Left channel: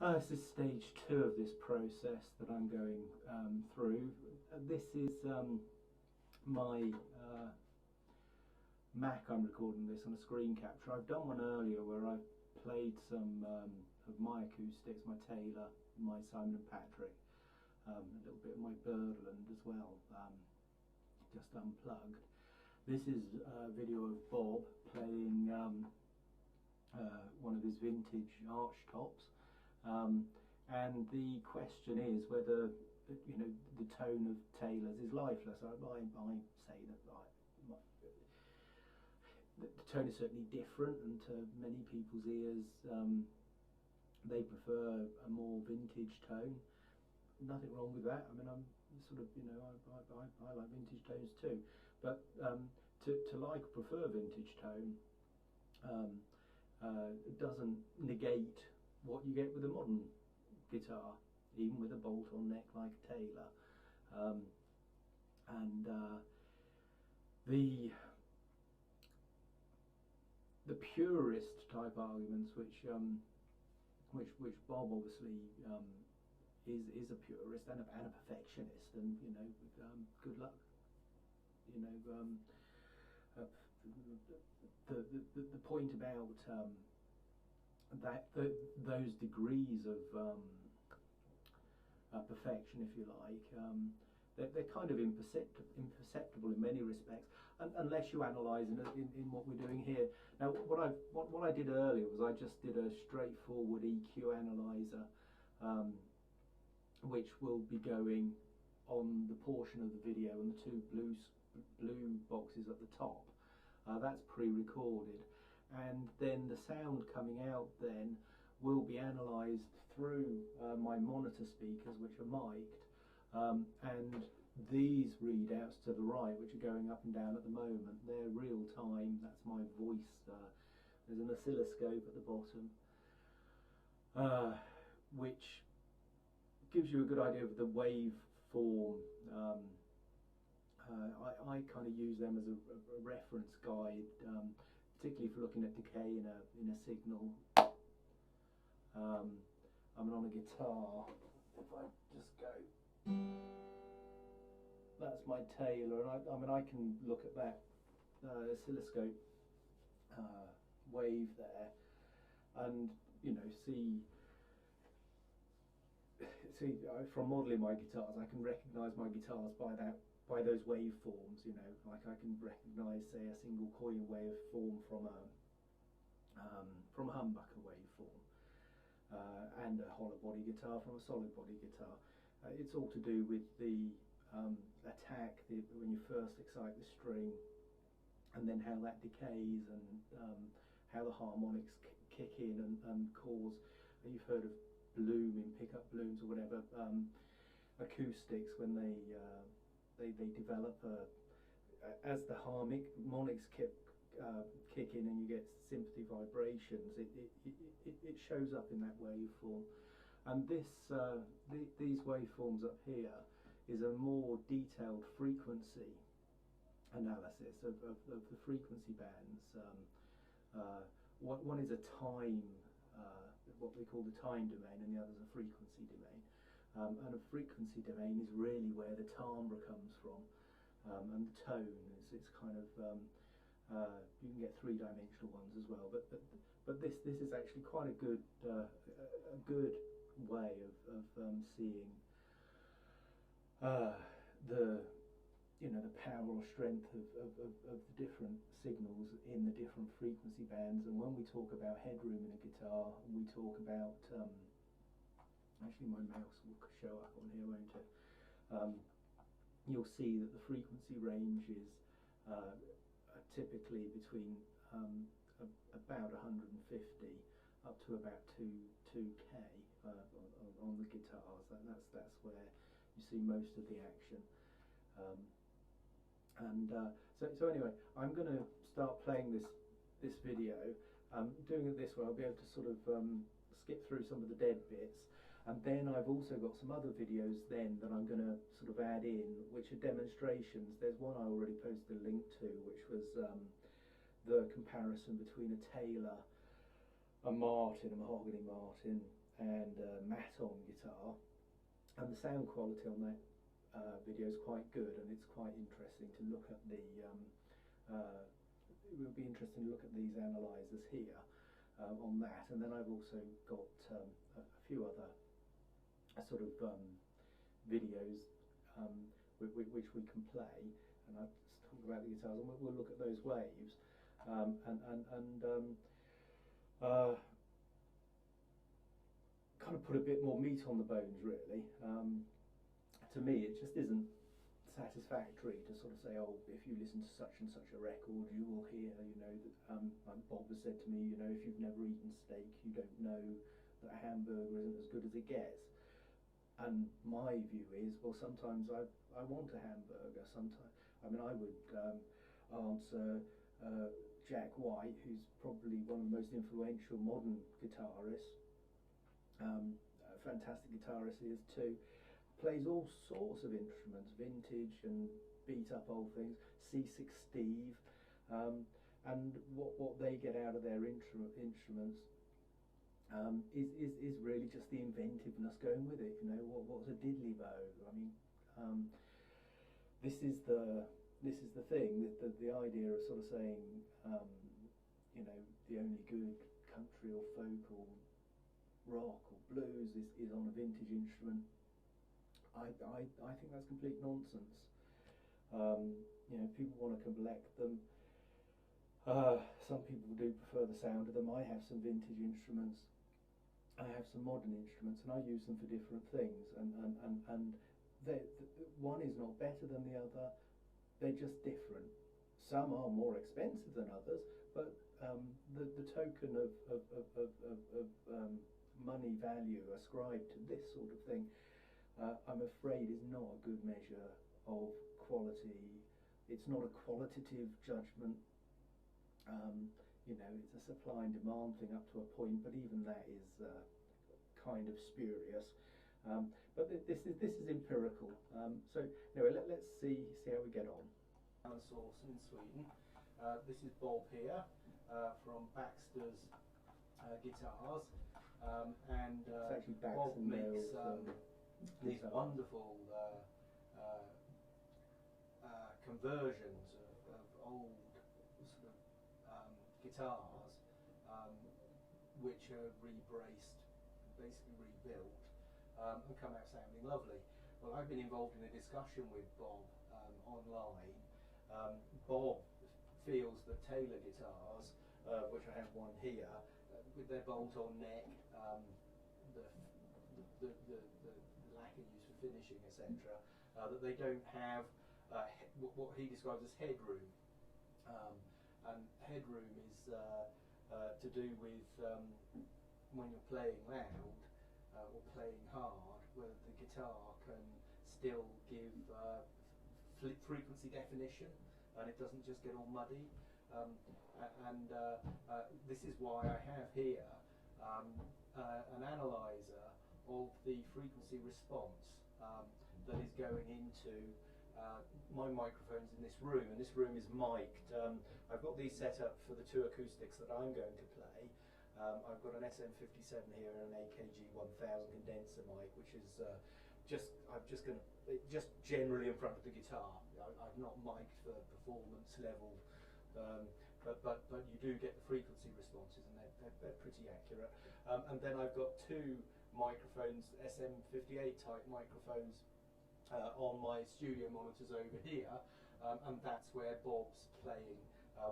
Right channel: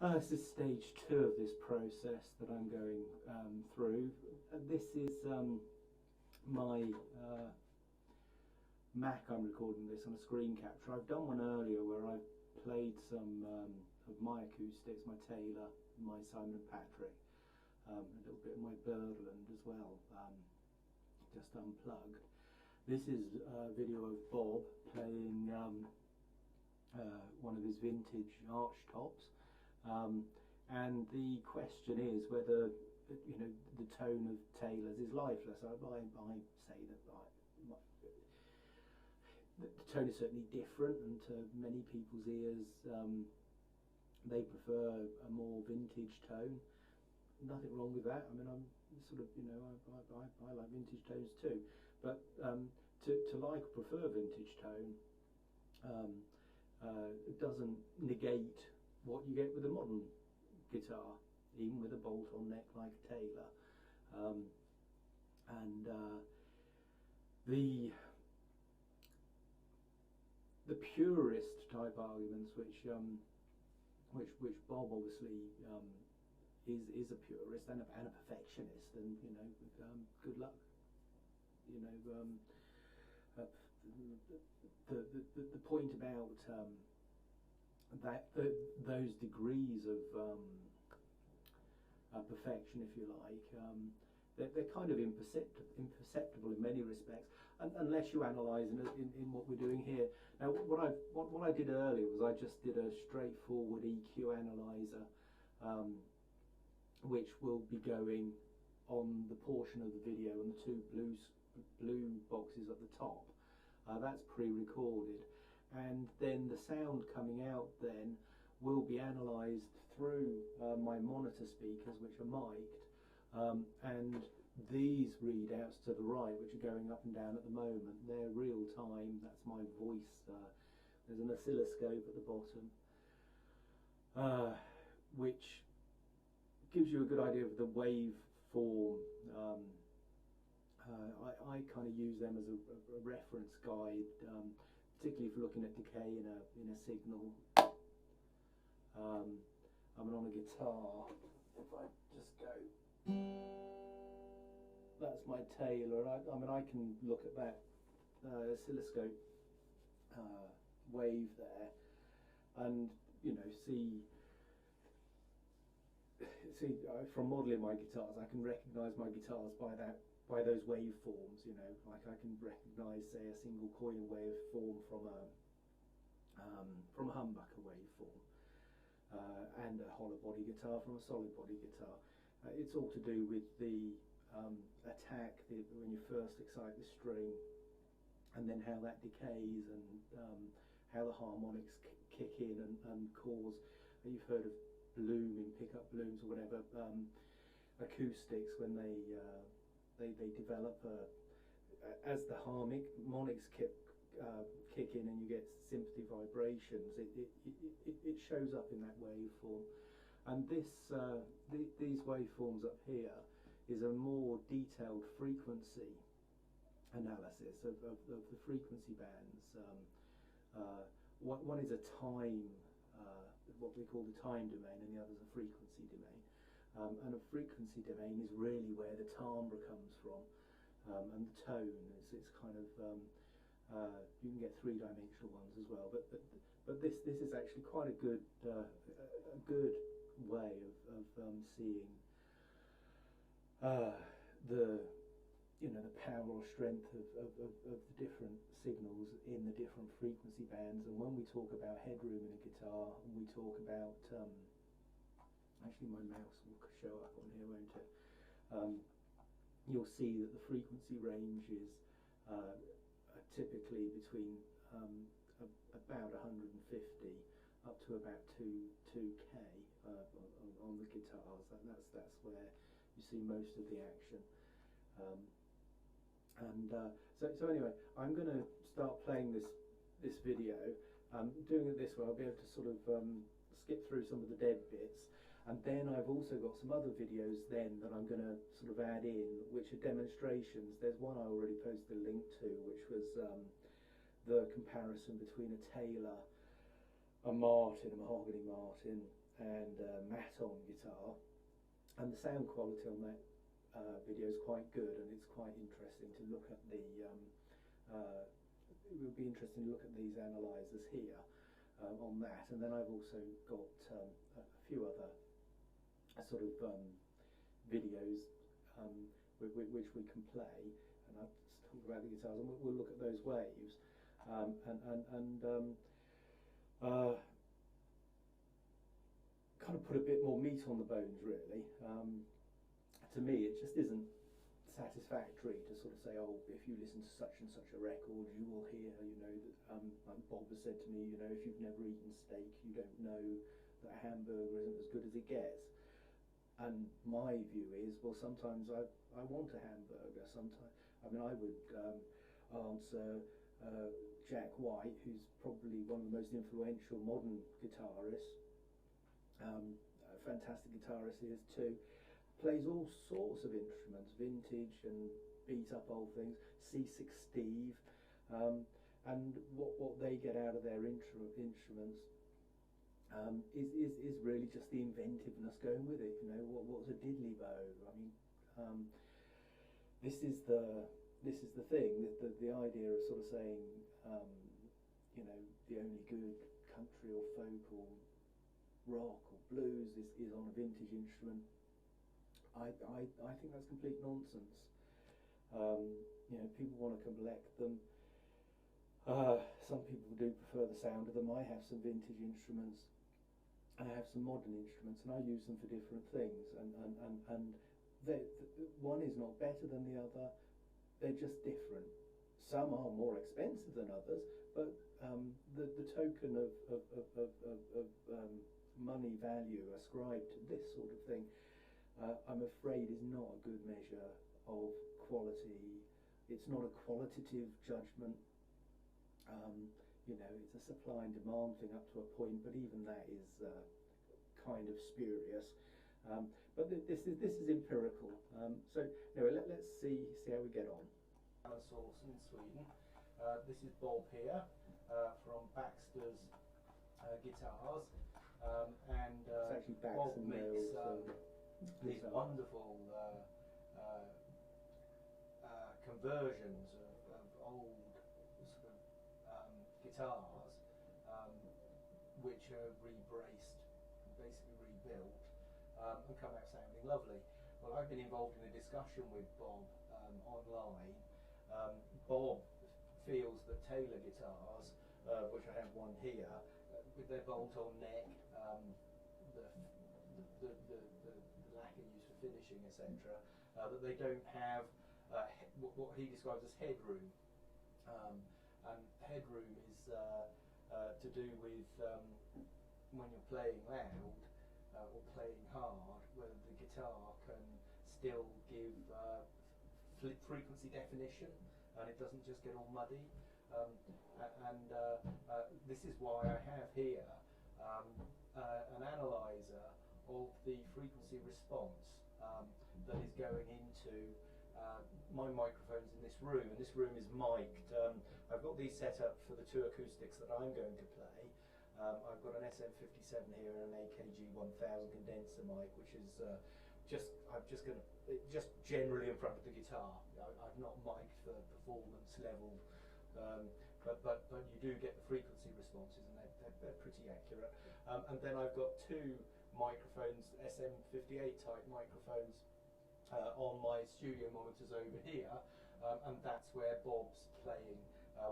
This is stage 2 of this process that I'm going through. This is my Mac. I'm recording this on a screen capture. I've done one earlier where I've played some of my acoustics, my Taylor, my Simon & Patrick, a little bit of my Birdland as well, just unplugged. This is a video of Bob playing one of his vintage arch tops. And the question is whether, you know, the tone of Taylor's is lifeless. I say that the tone is certainly different, and to many people's ears they prefer a more vintage tone. Nothing wrong with that. I mean, I'm sort of, you know, I like vintage tones too, but to like or prefer vintage tone doesn't negate what you get with a modern guitar, even with a bolt-on neck like a Taylor. The purist type arguments, which Bob obviously is a purist and a perfectionist, and you know, good luck. You know, the point about those degrees of perfection, if you like, they're kind of imperceptible in many respects, unless you analyse in what we're doing here. Now, what I did earlier was I just did a straightforward EQ analyzer, which will be going on the portion of the video and the two blue boxes at the top. That's pre-recorded. And then the sound coming out then will be analysed through my monitor speakers, which are mic'd, and these readouts to the right, which are going up and down at the moment, they're real time. That's my voice. There's an oscilloscope at the bottom, which gives you a good idea of the waveform. I kind of use them as a reference guide, particularly if you're looking at decay in a signal. I mean, on a guitar, if I just go, that's my Taylor, and I mean, I can look at that oscilloscope wave there, and you know, see from modelling my guitars, I can recognise my guitars by those waveforms. You know, like I can recognise, say, a single coil waveform from a humbucker waveform, and a hollow body guitar from a solid body guitar. It's all to do with the attack, when you first excite the string, and then how that decays, and how the harmonics kick in and cause. You've heard of bloom in pickup blooms or whatever. Acoustics, when they develop as the harmonics kick in and you get sympathy vibrations, it shows up in that waveform. And these waveforms up here is a more detailed frequency analysis of the frequency bands. One is a time, what we call the time domain, and the other is a frequency domain. And a frequency domain is really where the timbre comes from, and the tone is kind of, you can get three-dimensional ones as well, but this is actually quite a good way of seeing the power or strength of the different signals in the different frequency bands. And when we talk about headroom in a guitar, we talk about actually, my mouse will show up on here, won't it? You'll see that the frequency ranges are typically between about 150 up to about 2K on the guitars. That's where you see most of the action. So anyway, I'm going to start playing this video. Doing it this way, I'll be able to sort of skip through some of the dead bits, and then I've also got some other videos then that I'm going to sort of add in, which are demonstrations. There's one I already posted a link to, which was the comparison between a Taylor, a Martin, a mahogany Martin, and matte-on guitar, and the sound quality on that video is quite good, and it's quite interesting to look at the it would be interesting to look at these analyzers here on that. And then I've also got a few other sort of videos which we can play, and I'll just talk about the guitars, and we'll look at those waves kind of put a bit more meat on the bones, really. To me, it just isn't satisfactory to sort of say, oh, if you listen to such and such a record, you will hear, you know, that Bob has said to me, you know, if you've never eaten steak, you don't know that a hamburger isn't as good as it gets. And my view is, well, sometimes I want a hamburger. Sometimes, I mean, I would answer Jack White, who's probably one of the most influential modern guitarists, a fantastic guitarist he is too, plays all sorts of instruments, vintage and beat up old things, C6 Steve, and what they get out of their instruments is really just the inventiveness going with it. You know, what's a diddly bow? I mean, this is the thing, the idea of sort of saying, you know, the only good country or folk or rock or blues is on a vintage instrument. I think that's complete nonsense. You know, people want to collect them. Some people do prefer the sound of them. I have some vintage instruments. I have some modern instruments, and I use them for different things. And one is not better than the other. They're just different. Some are more expensive than others, but the token of money value ascribed to this sort of thing, I'm afraid, is not a good measure of quality. It's not a qualitative judgment. You know, it's a supply and demand thing up to a point, but even that is kind of spurious. But this is empirical. So anyway, let's see how we get on. Source in Sweden. This is Bob here from Baxter's Guitars, and it's actually Bob makes these wonderful conversions of old sort of guitars, which are rebraced, basically rebuilt, and come out sounding lovely. Well, I've been involved in a discussion with Bob online. Bob feels that Taylor guitars, which I have one here, with their bolt-on neck, the lacquer used for finishing, etc., that they don't have what he describes as headroom. And headroom is to do with when you're playing loud or playing hard, whether the guitar can still give frequency definition, and it doesn't just get all muddy. This is why I have here an analyzer of the frequency response that is going into my microphones in this room, and this room is mic'd. I've got these set up for the two acoustics that I'm going to play. I've got an SM57 here and an AKG 1000 condenser mic, which is just generally in front of the guitar. I've not mic'd for performance level, but you do get the frequency responses, and they're pretty accurate. And then I've got two microphones, SM58 type microphones, on my studio monitors over here, and that's where Bob's playing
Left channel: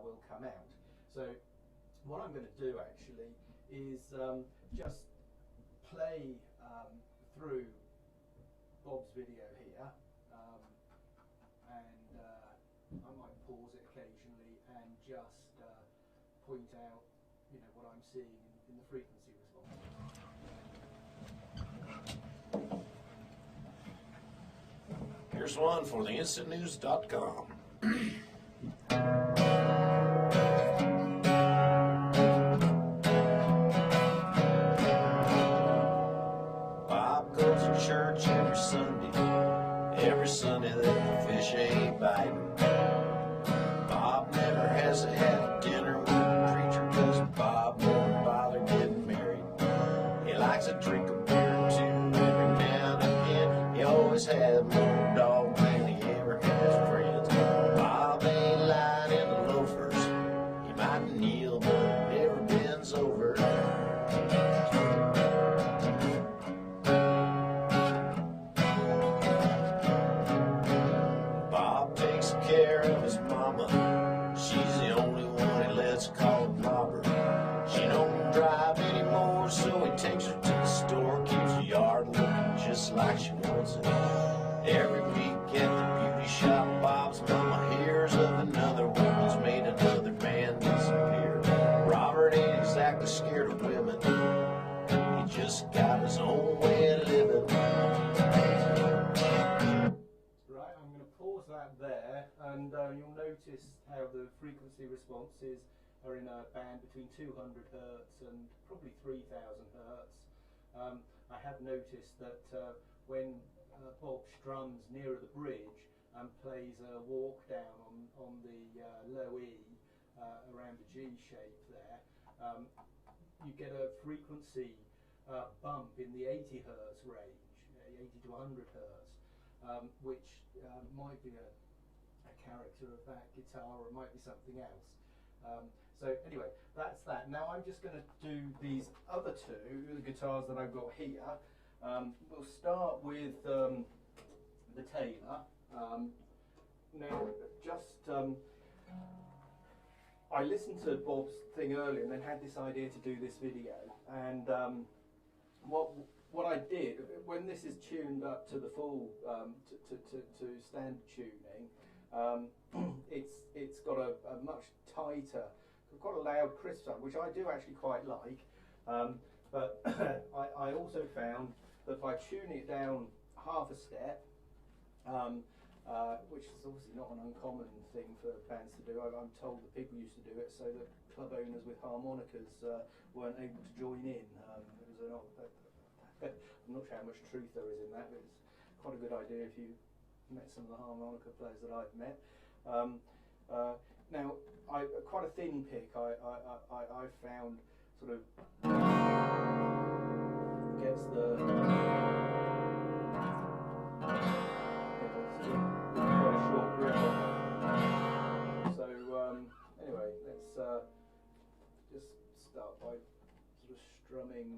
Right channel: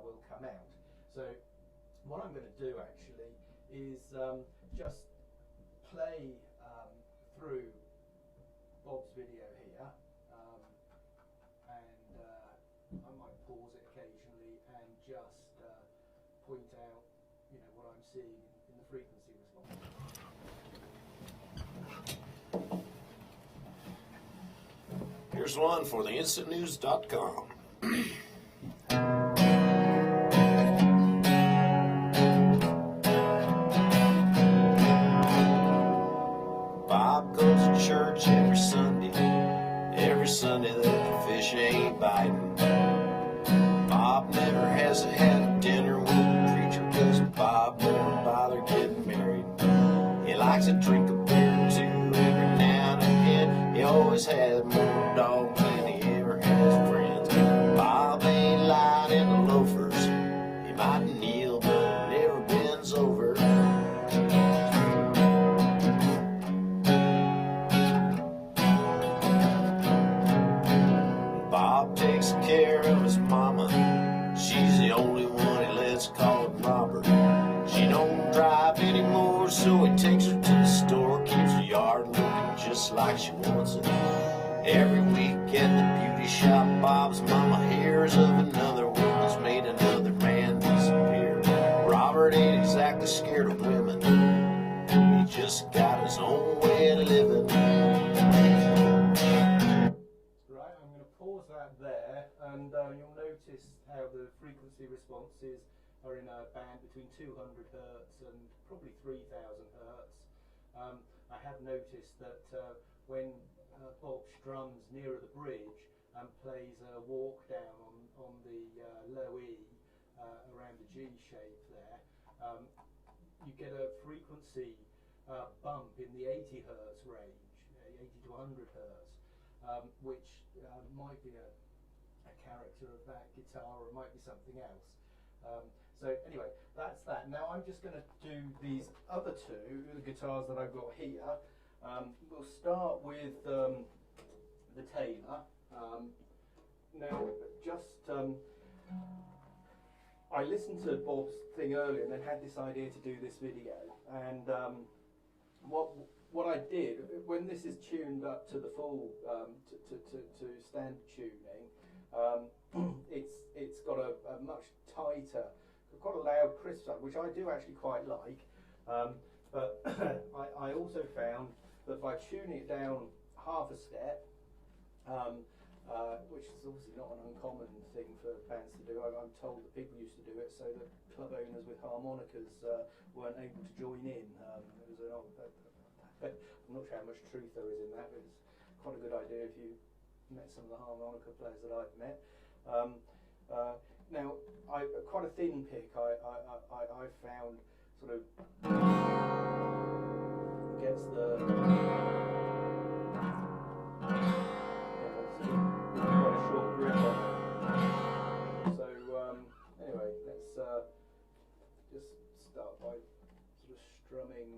will come out. So what I'm going to do actually is just play through Bob's video here, and I might pause it occasionally and just point out, you know, what I'm seeing in the frequency response. Here's one for the instantnews.com. Bob goes to church every Sunday that the fish ain't biting. Bob never has had a dinner with the preacher, 'cause Bob never bothered getting married. He likes a drink of beer too every now and again. He always had more dog than he ever had friends. Bob ain't lying in the loafers. He might kneel, but never bends over. Bob takes care of his mama. She's the only one he lets call Robert. She don't drive anymore, so he takes her to the store. Keeps her yard looking just like she wants it. Every week at the beauty shop, Bob's mama hears of another woman's made another man disappear. Robert ain't exactly scared of women. He just got his own way of living. Right, I'm going to pause that there, and you'll notice how the frequency responses are in a band between 200 Hertz and probably 3000 Hertz. I have noticed that when Bob strums nearer the bridge and plays a walk down on the low E around the G shape there, you get a frequency bump in the 80 Hertz range, 80 to 100 Hertz, which might be a character of that guitar, or it might be something else. So anyway, that's that. Now I'm just going to do these other two, the guitars that I've got here. We'll start with the Taylor. Now, just I listened to Bob's thing earlier and then had this idea to do this video. And what I did, when this is tuned up to the full to standard tuning, it's got a much tighter, quite a loud crisp sound, which I do actually quite like. But I also found that by tuning it down half a step, which is obviously not an uncommon thing for bands to do. I'm told that people used to do it so that club owners with harmonicas weren't able to join in. I'm not sure how much truth there is in that, but it's quite a good idea if you met some of the harmonica players that I've met. Now, quite a thin pick I found sort of gets the quite a short grip on it. So anyway, let's just start by sort of strumming.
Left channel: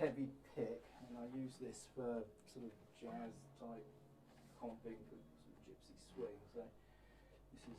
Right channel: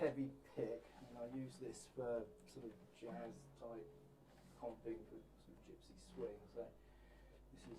Heavy pick, and I use this for sort of jazz type comping for sort of gypsy swing. So this is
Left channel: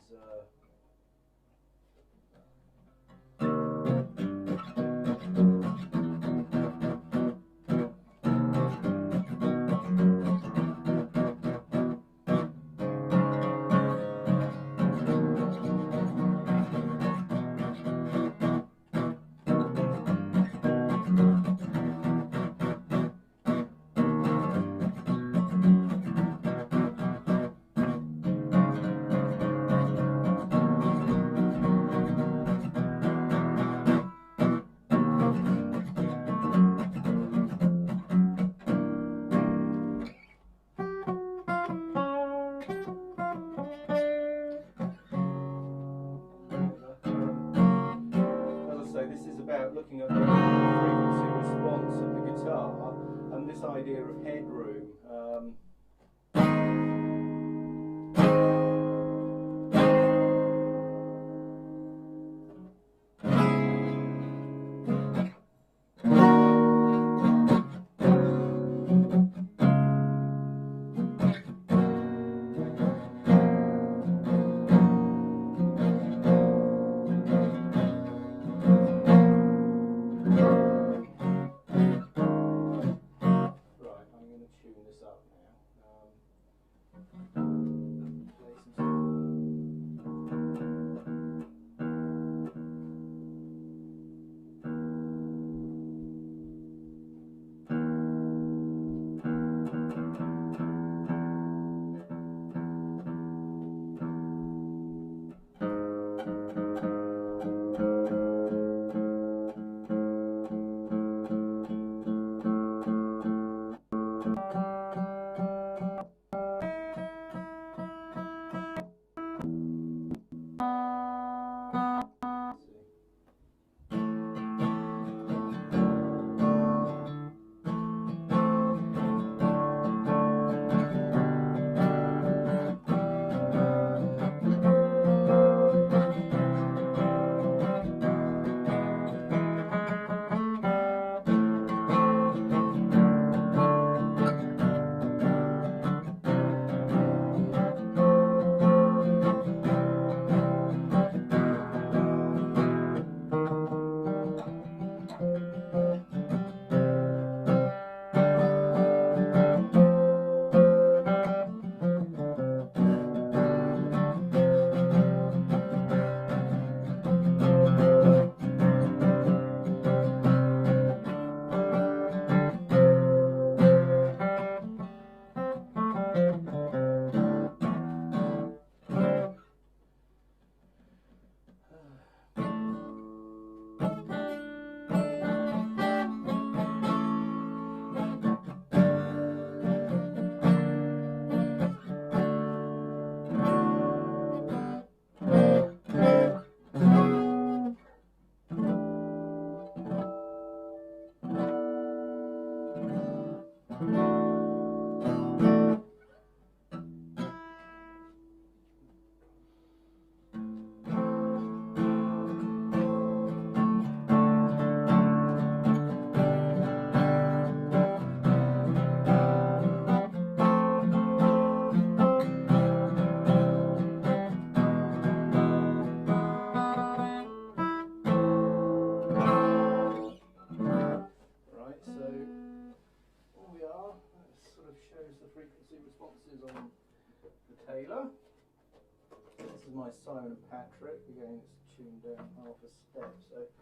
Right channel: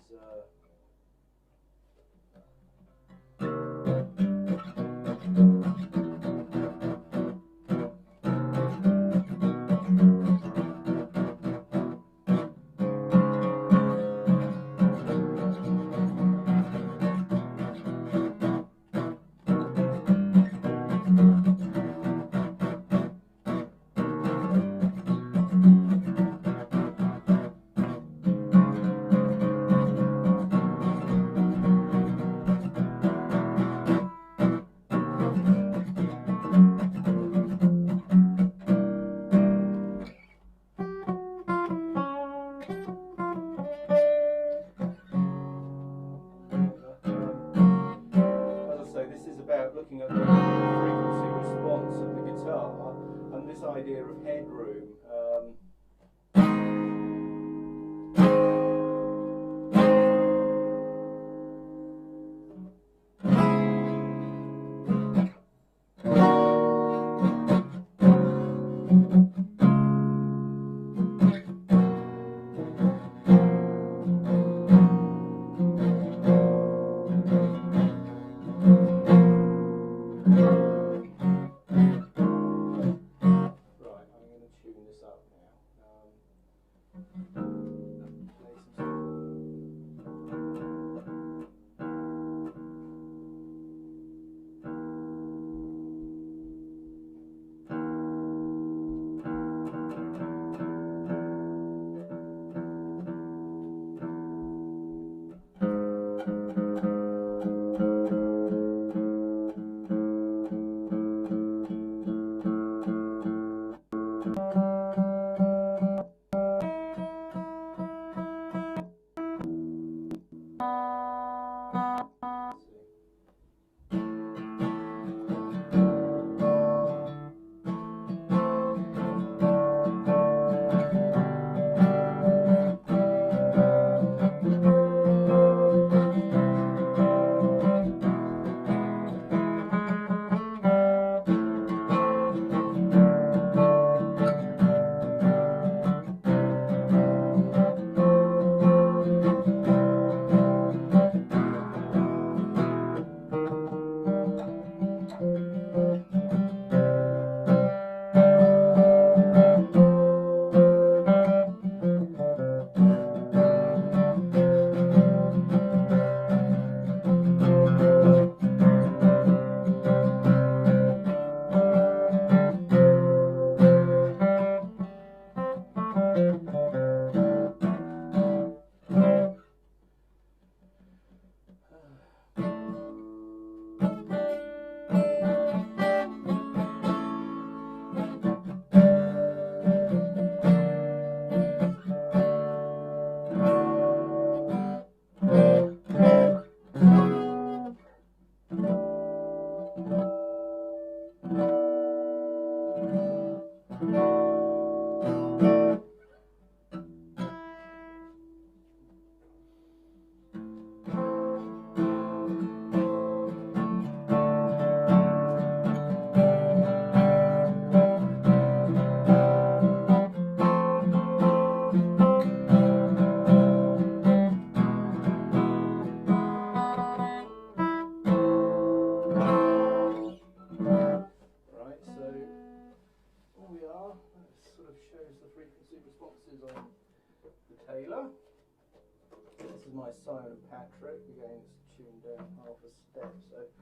Taylor. This is my Simon and Patrick. Again, it's tuned down half a step, so let's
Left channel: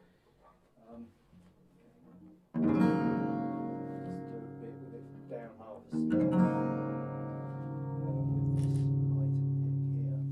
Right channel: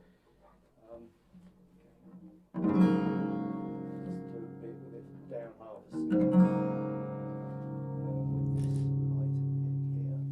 do a bit with it down half a step. With this item here.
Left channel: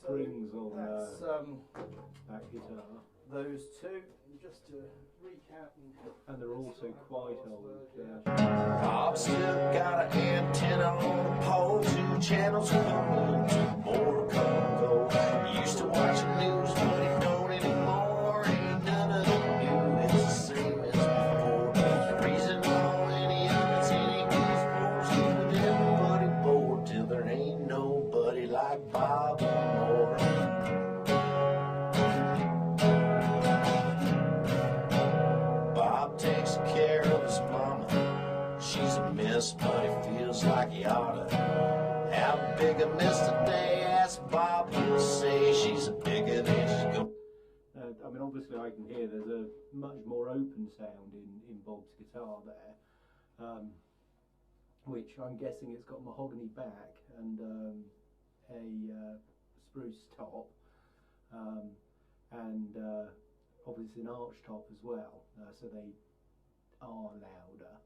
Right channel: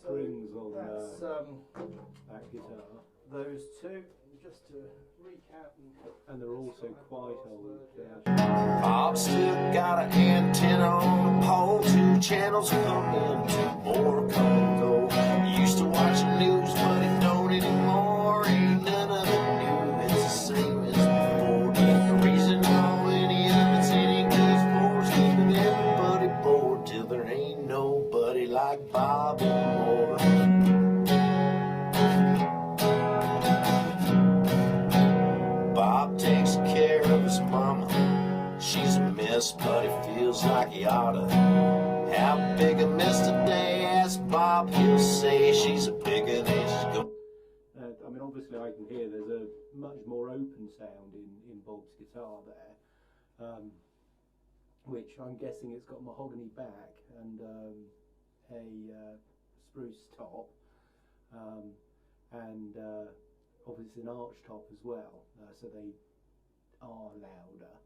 Strings on that guitar. Those two, just to recap, and they're also quite old. Bob still got an antenna on a pole, 2 channels coming, 2 more come and go. He used to watch the news, but he don't anymore. Ain't none of the news the same as before. The reason all any of it's any good for is keeping everybody bored till there ain't nobody like Bob anymore. Bob takes care of his mama. She's a mess, but it feels like he oughta. How big a mess today? Ask Bob, he'll say she's a bigger than she's going. I mean, obviously I can hear there's a much more open sound in Bob's guitar there, which I'm guessing it's got mahogany back and a spruce top, and obviously an arch top as well, so they are louder,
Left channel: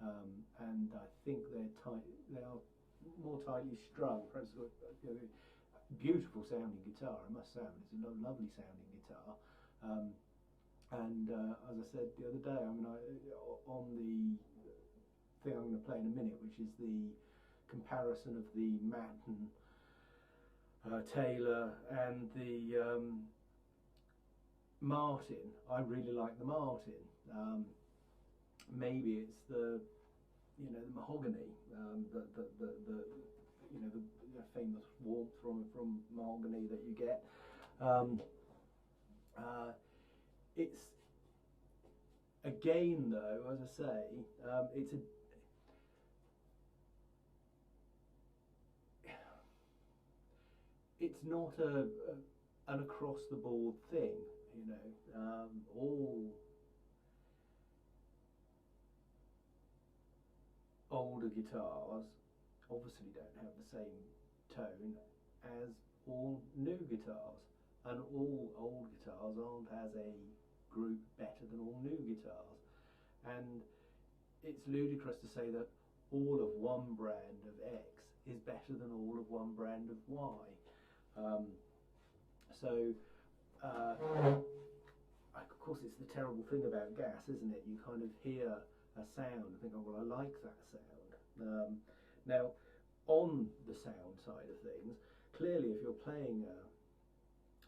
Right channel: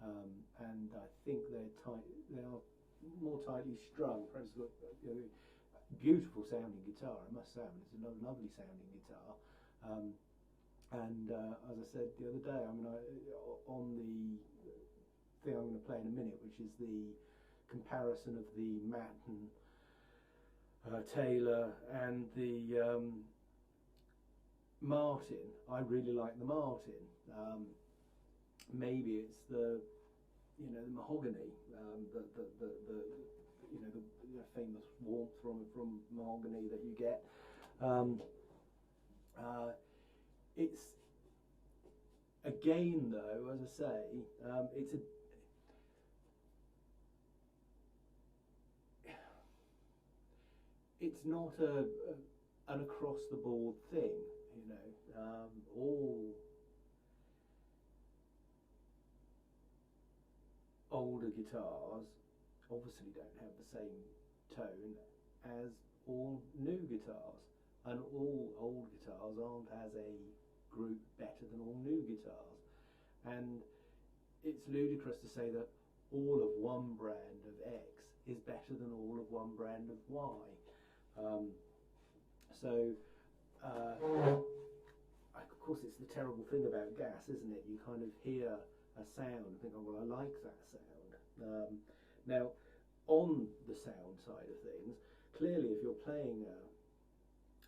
and I think they are more tightly strung. Perhaps, beautiful sounding guitar, I must say. It's a lovely sounding guitar, and as I said the other day, I mean, on the thing I'm going to play in a minute, which is the comparison of the Matten Taylor and the Martin. I really like the Martin. Maybe it's the the mahogany, the famous warmth from mahogany that you get. It's again, though, as I say, it's not an across the board thing, all older guitars obviously don't have the same tone as all new guitars, and all old guitars aren't as a group better than all new guitars, and it's ludicrous to say that all of one brand of X is better than all of one brand of Y. Of course, it's the terrible thing about gas, isn't it? You kind of hear a sound and think, oh well, I like that sound. Now, on the sound side of things, clearly if you're playing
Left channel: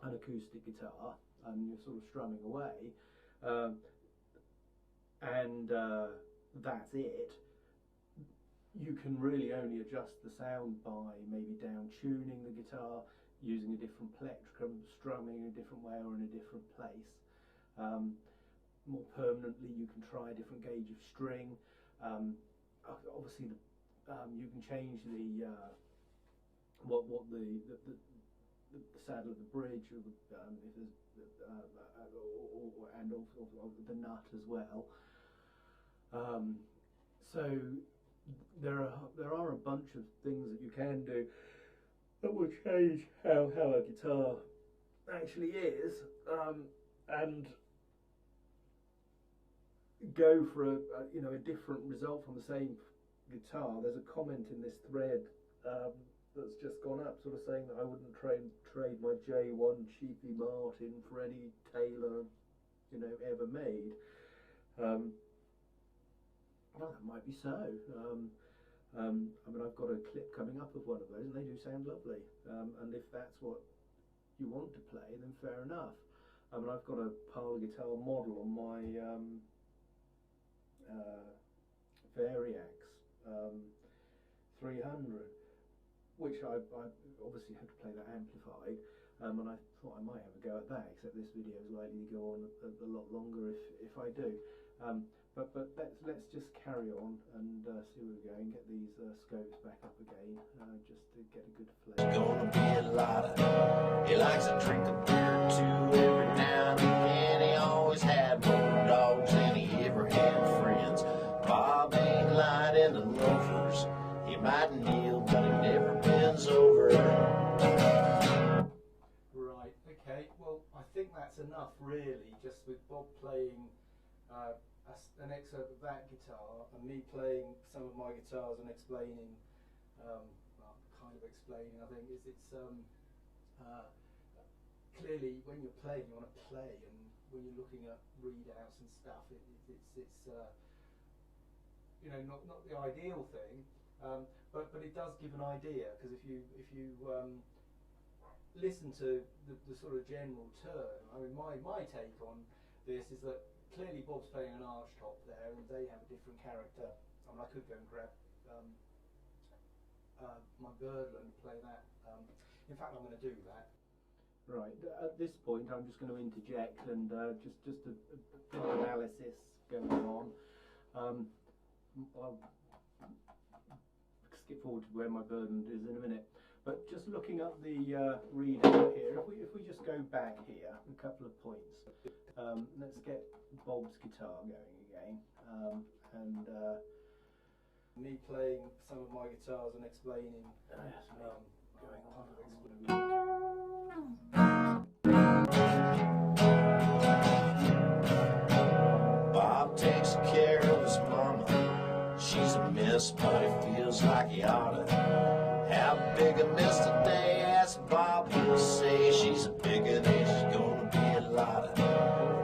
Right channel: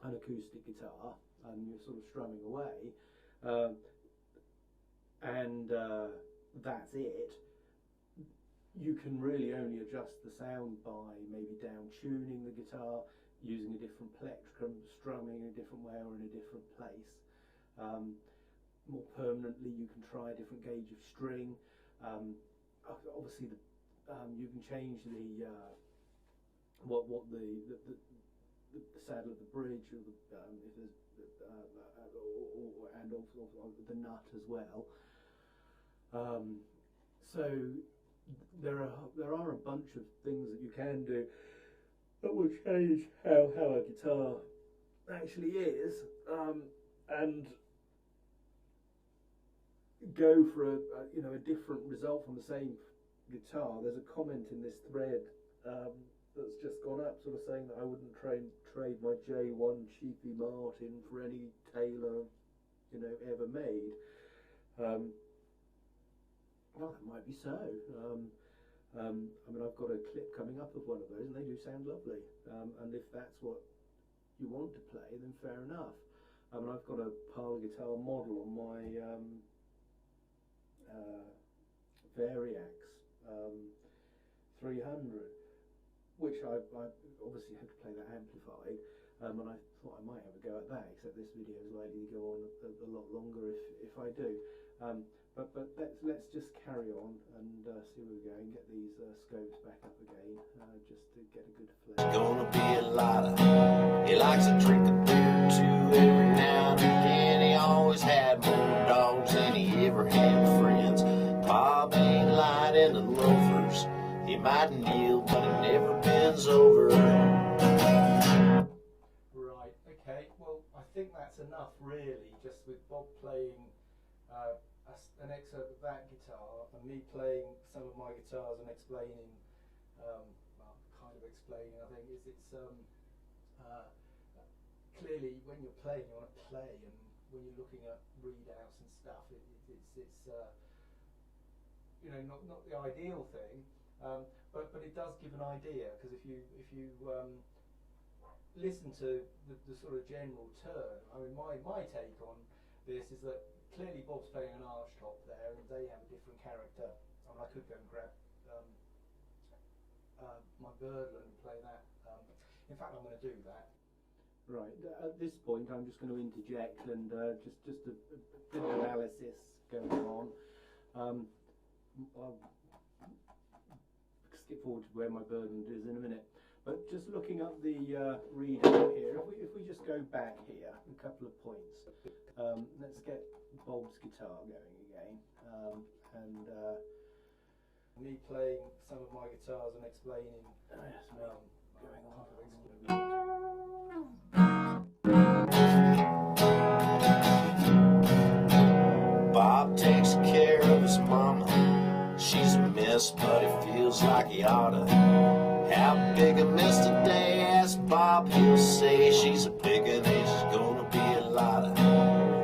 an acoustic guitar and you're sort of strumming away, and that's it, you can really only adjust the sound by maybe down tuning the guitar, using a different plectrum, strumming in a different way or in a different place. More permanently, you can try a different gauge of string. Obviously, you can change the what the saddle of the bridge, or if there's and also the nut as well. So there are a bunch of things that you can do that will change how a guitar actually is, and go for a different result from the same guitar. There's a comment in this thread that's just gone up, sort of saying that I wouldn't trade my J1 cheapy Martin for any Taylor, ever made. Well, that might be so. I mean, I've got a clip coming up of one of those, and they do sound lovely. And if that's what you want to play, then fair enough. I mean, I've got a parlour guitar model on my Variax 300, which I obviously had to play that amplified, and I thought I might have a go at that, except this video is likely to go on a lot longer if I do. But let's just carry on and see where we go and get these scopes back up again, just to get a good flavor. It's gonna be a lot of. He likes to drink a beer or two every now and again. He always had more dogs than he ever had friends. Bob ain't light in the loafers. He might kneel, but he never bends over. Right. Okay. Well, I think that's enough, really, just with Bob playing an excerpt of that guitar and me playing some of my guitars and explaining, well, kind of explaining, I think, is it's clearly when you're playing, you want to play, and when you're looking at readouts and stuff, it's not the ideal thing, but it does give an idea, because if you listen to the sort of general turn, I mean, my take on this is that clearly Bob's playing an arch top there, and they have a different character. I mean, I could go and grab my Birdland and play that. In fact, I'm going to do that. Right, at this point I'm just going to interject and just a bit of analysis going on. I'll skip forward to where my Birdland is in a minute. But just looking at the readout here, if we just go back here a couple of points, let's get Bob's guitar going again, and me playing some of my guitars and explaining going on. Bob takes care of his mama. She's a mess, but it feels like he oughta. How big a mess today? Asked Bob, he'll say she's a bigger, there's gonna be a lot of.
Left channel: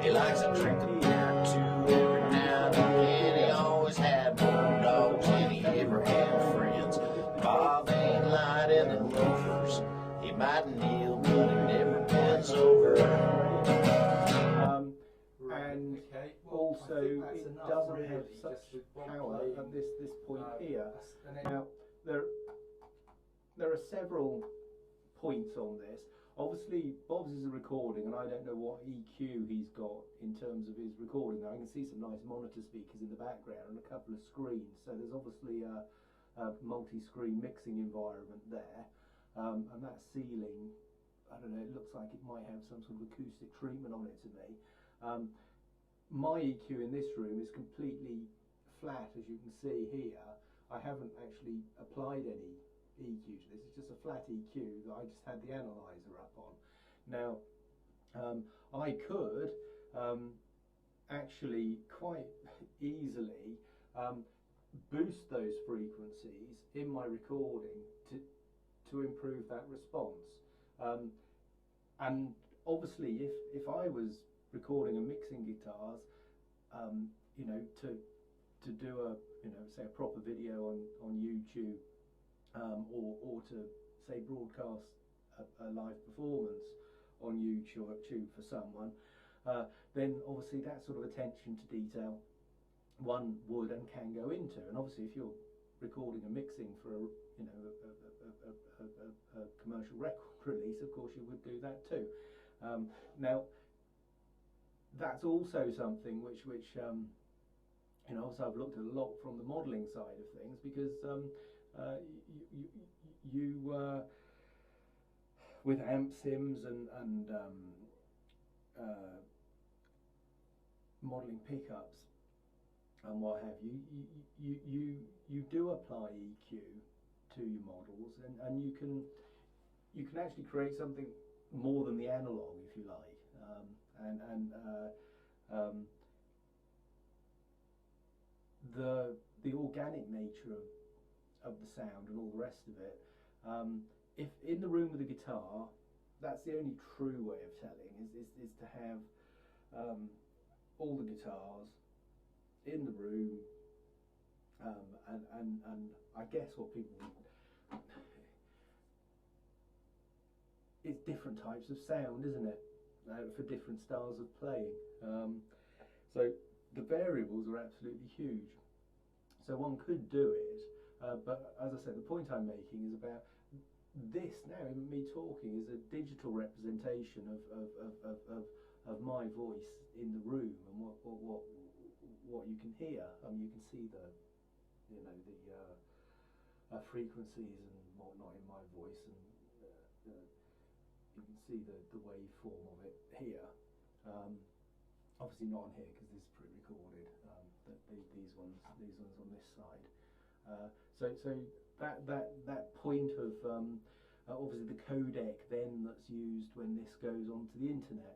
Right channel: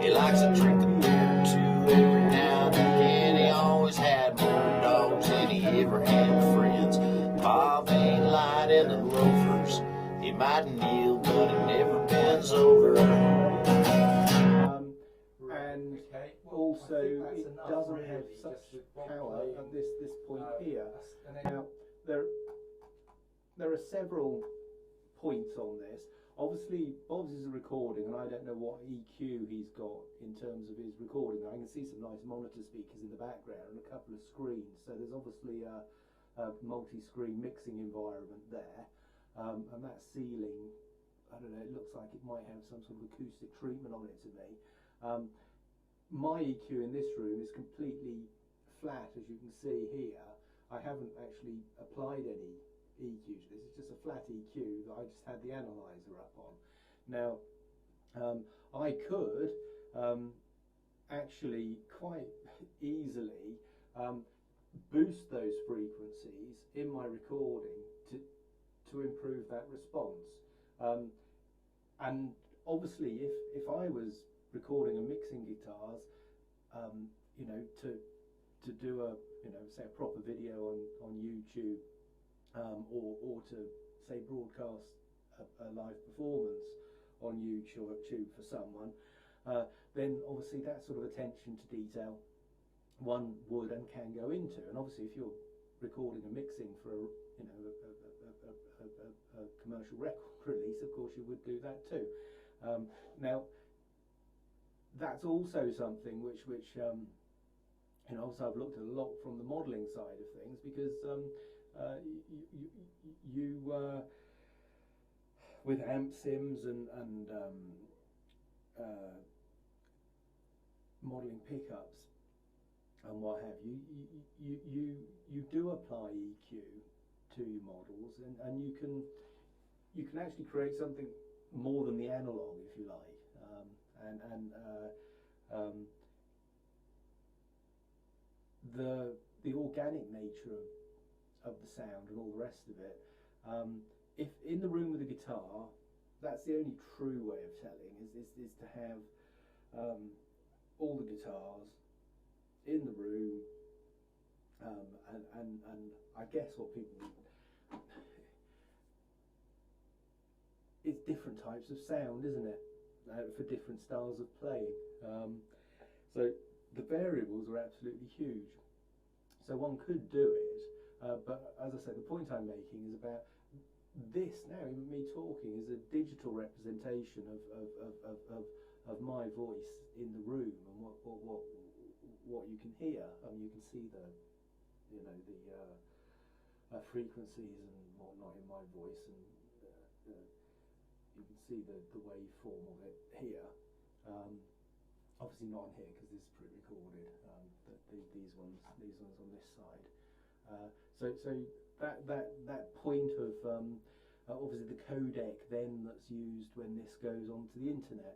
He likes to drink a beer or two every now and again. He always had more dogs than he ever had friends. Bob ain't light in the loafers. He might kneel, but he never bends over. And also, it doesn't have such power at this point here. Now, there are several points on this. Obviously, Bob's is a recording, and I don't know what EQ he's got in terms of his recording. Now, I can see some nice monitor speakers in the background and a couple of screens, so there's obviously a multi-screen mixing environment there. And that ceiling, I don't know, it looks like it might have some sort of acoustic treatment on it to me. My EQ in this room is completely flat, as you can see here. I haven't actually applied any EQ to this. It's just a flat EQ that I just had the analyzer up on. Now, I could actually quite easily boost those frequencies in my recording to improve that response. And obviously, if I was recording and mixing guitars, to do a say a proper video on YouTube, or to say broadcast a live performance on YouTube for someone, then obviously that sort of attention to detail one would and can go into. And obviously, if you're recording and mixing for a commercial record release, of course you would do that too. Now, that's also something which also I've looked at a lot from the modelling side of things, because you with amp sims and modelling pickups and what have you, you do apply EQ to your models, and you can actually create something more than the analog, if you like, the organic nature of the sound and all the rest of it. If in the room with the guitar, that's the only true way of telling is to have all the guitars in the room, and I guess what people, it's different types of sound, isn't it, for different styles of playing. So the variables are absolutely huge. So one could do it, but as I said, the point I'm making is about this now, me talking, is a digital representation of my voice in the room and what you can hear. You can see the frequencies and whatnot in my voice, and you can see the waveform of it here. Obviously not on here because this is pre-recorded. These ones on this side. So that point of obviously the codec then that's used when this goes onto the internet.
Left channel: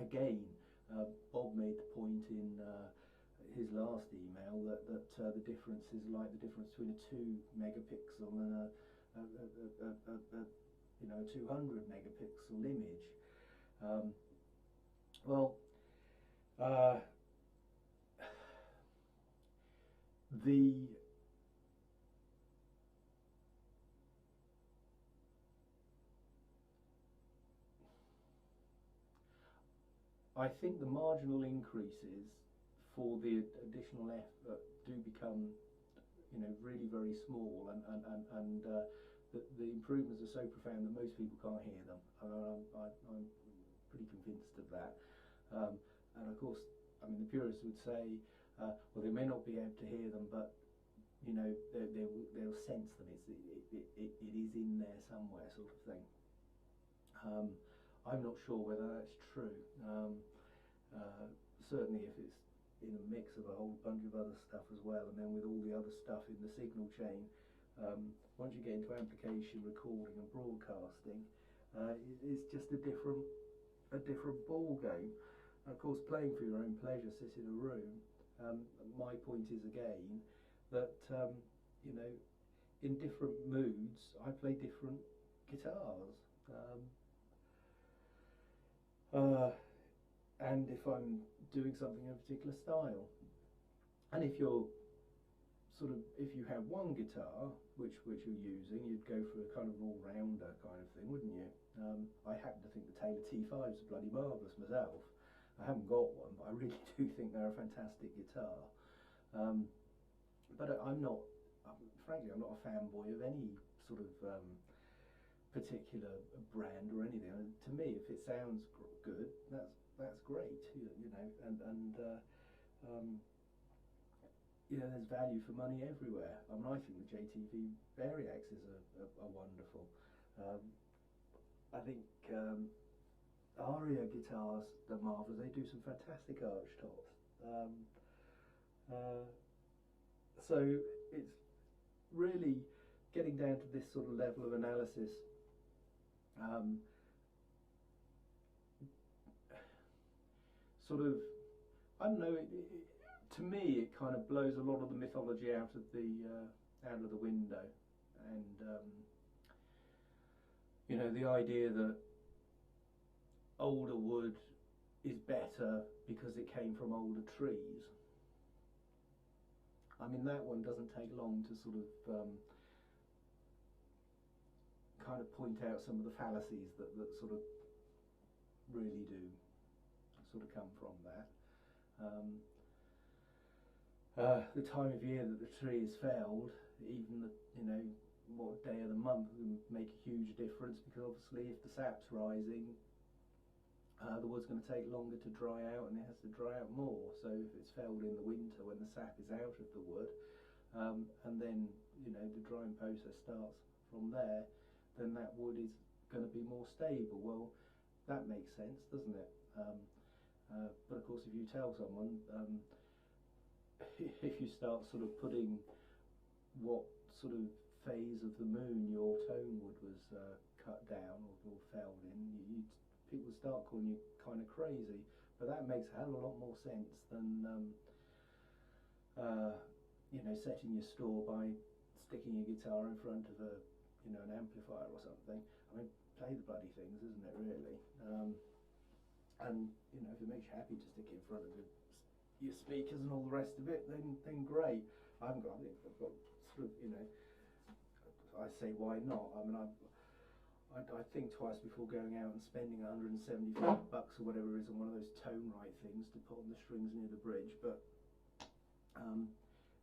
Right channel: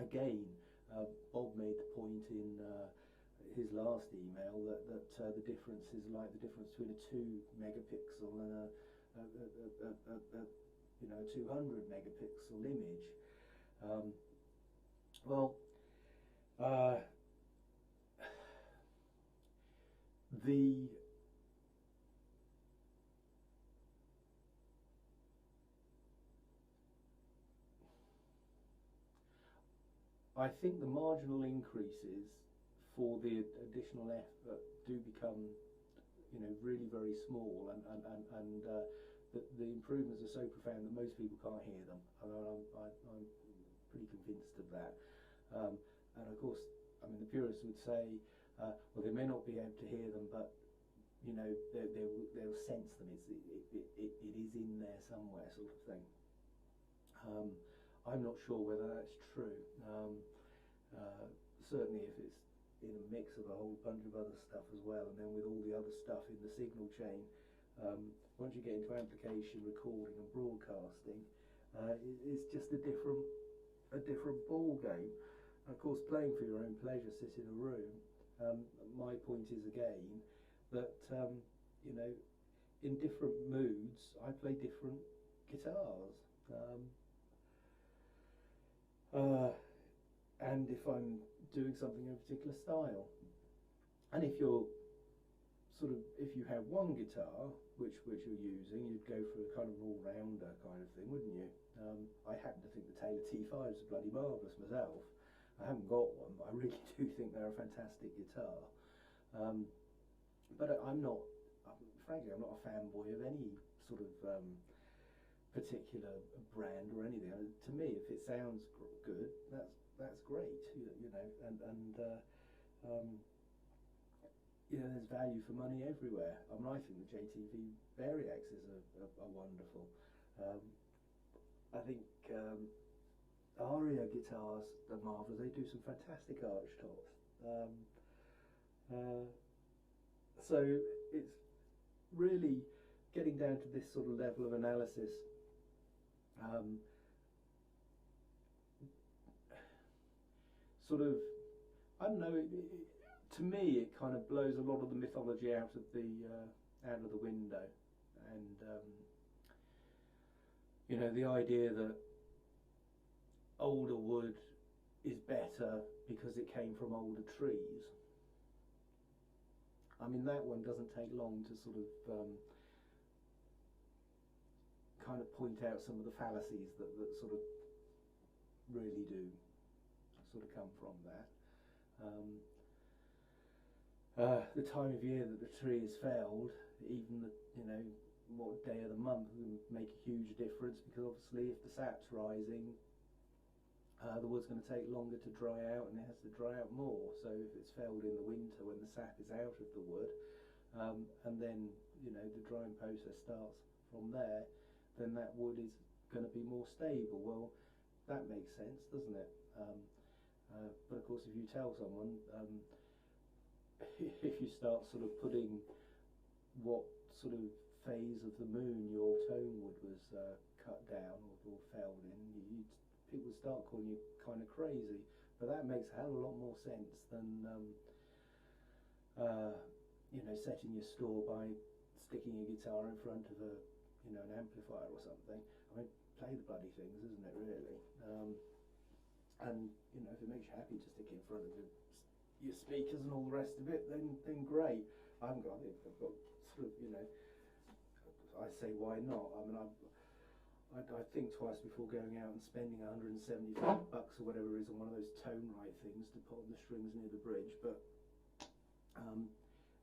Again, Bob made the point in his last email that the difference is like the difference between a 2 megapixel and a 200 megapixel image. I think the marginal increases for the additional effort do become, really very small, and the improvements are so profound that most people can't hear them. I'm pretty convinced of that. And of course, the purists would say, well, they may not be able to hear them, but they'll sense them. It is in there somewhere, sort of thing. I'm not sure whether that's true. Certainly if it's in a mix of a whole bunch of other stuff as well, and then with all the other stuff in the signal chain, once you get into amplification, recording and broadcasting, it's just a different ball game. Of course, playing for your own pleasure, sit in a room. My point is again that in different moods I play different guitars. And if I'm doing something in a particular style, and if you have one guitar which you're using, you'd go for a kind of an all-rounder kind of thing, wouldn't you? I happen to think the Taylor T5s are bloody marvellous myself. I haven't got one, but I really do think they're a fantastic guitar. But frankly, I'm not a fanboy of any sort of particular brand or anything. To me, if it sounds good, that's great, there's value for money everywhere. I think the JTV Variaxes are wonderful. I think Aria guitars are marvellous. They do some fantastic arch tops. So it's really getting down to this sort of level of analysis. I don't know. To me, it kind of blows a lot of the mythology out of the window, and the idea that older wood is better because it came from older trees. That one doesn't take long to sort of kind of point out some of the fallacies that sort of really do sort of come from that. The time of year that the tree is felled, even what day of the month, will make a huge difference, because obviously if the sap's rising, the wood's going to take longer to dry out, and it has to dry out more. So if it's felled in the winter when the sap is out of the wood, and then the drying process starts from there, then that wood is going to be more stable. Well, that makes sense, doesn't it? But of course, if you tell someone, if you start sort of putting what sort of phase of the moon your tone wood was cut down or felled in, people start calling you kind of crazy. But that makes a hell of a lot more sense than you know, setting your store by sticking your guitar in front of a, you know, an amplifier or something. I mean, play the bloody things, isn't it, really? And you know, if it makes you happy to stick it in front of your speakers and all the rest of it, then great. I haven't got it. I've got sort of, you know, I say why not? I mean, I think twice before going out and spending $175 or whatever it is on one of those tone right things to put on the strings near the bridge. But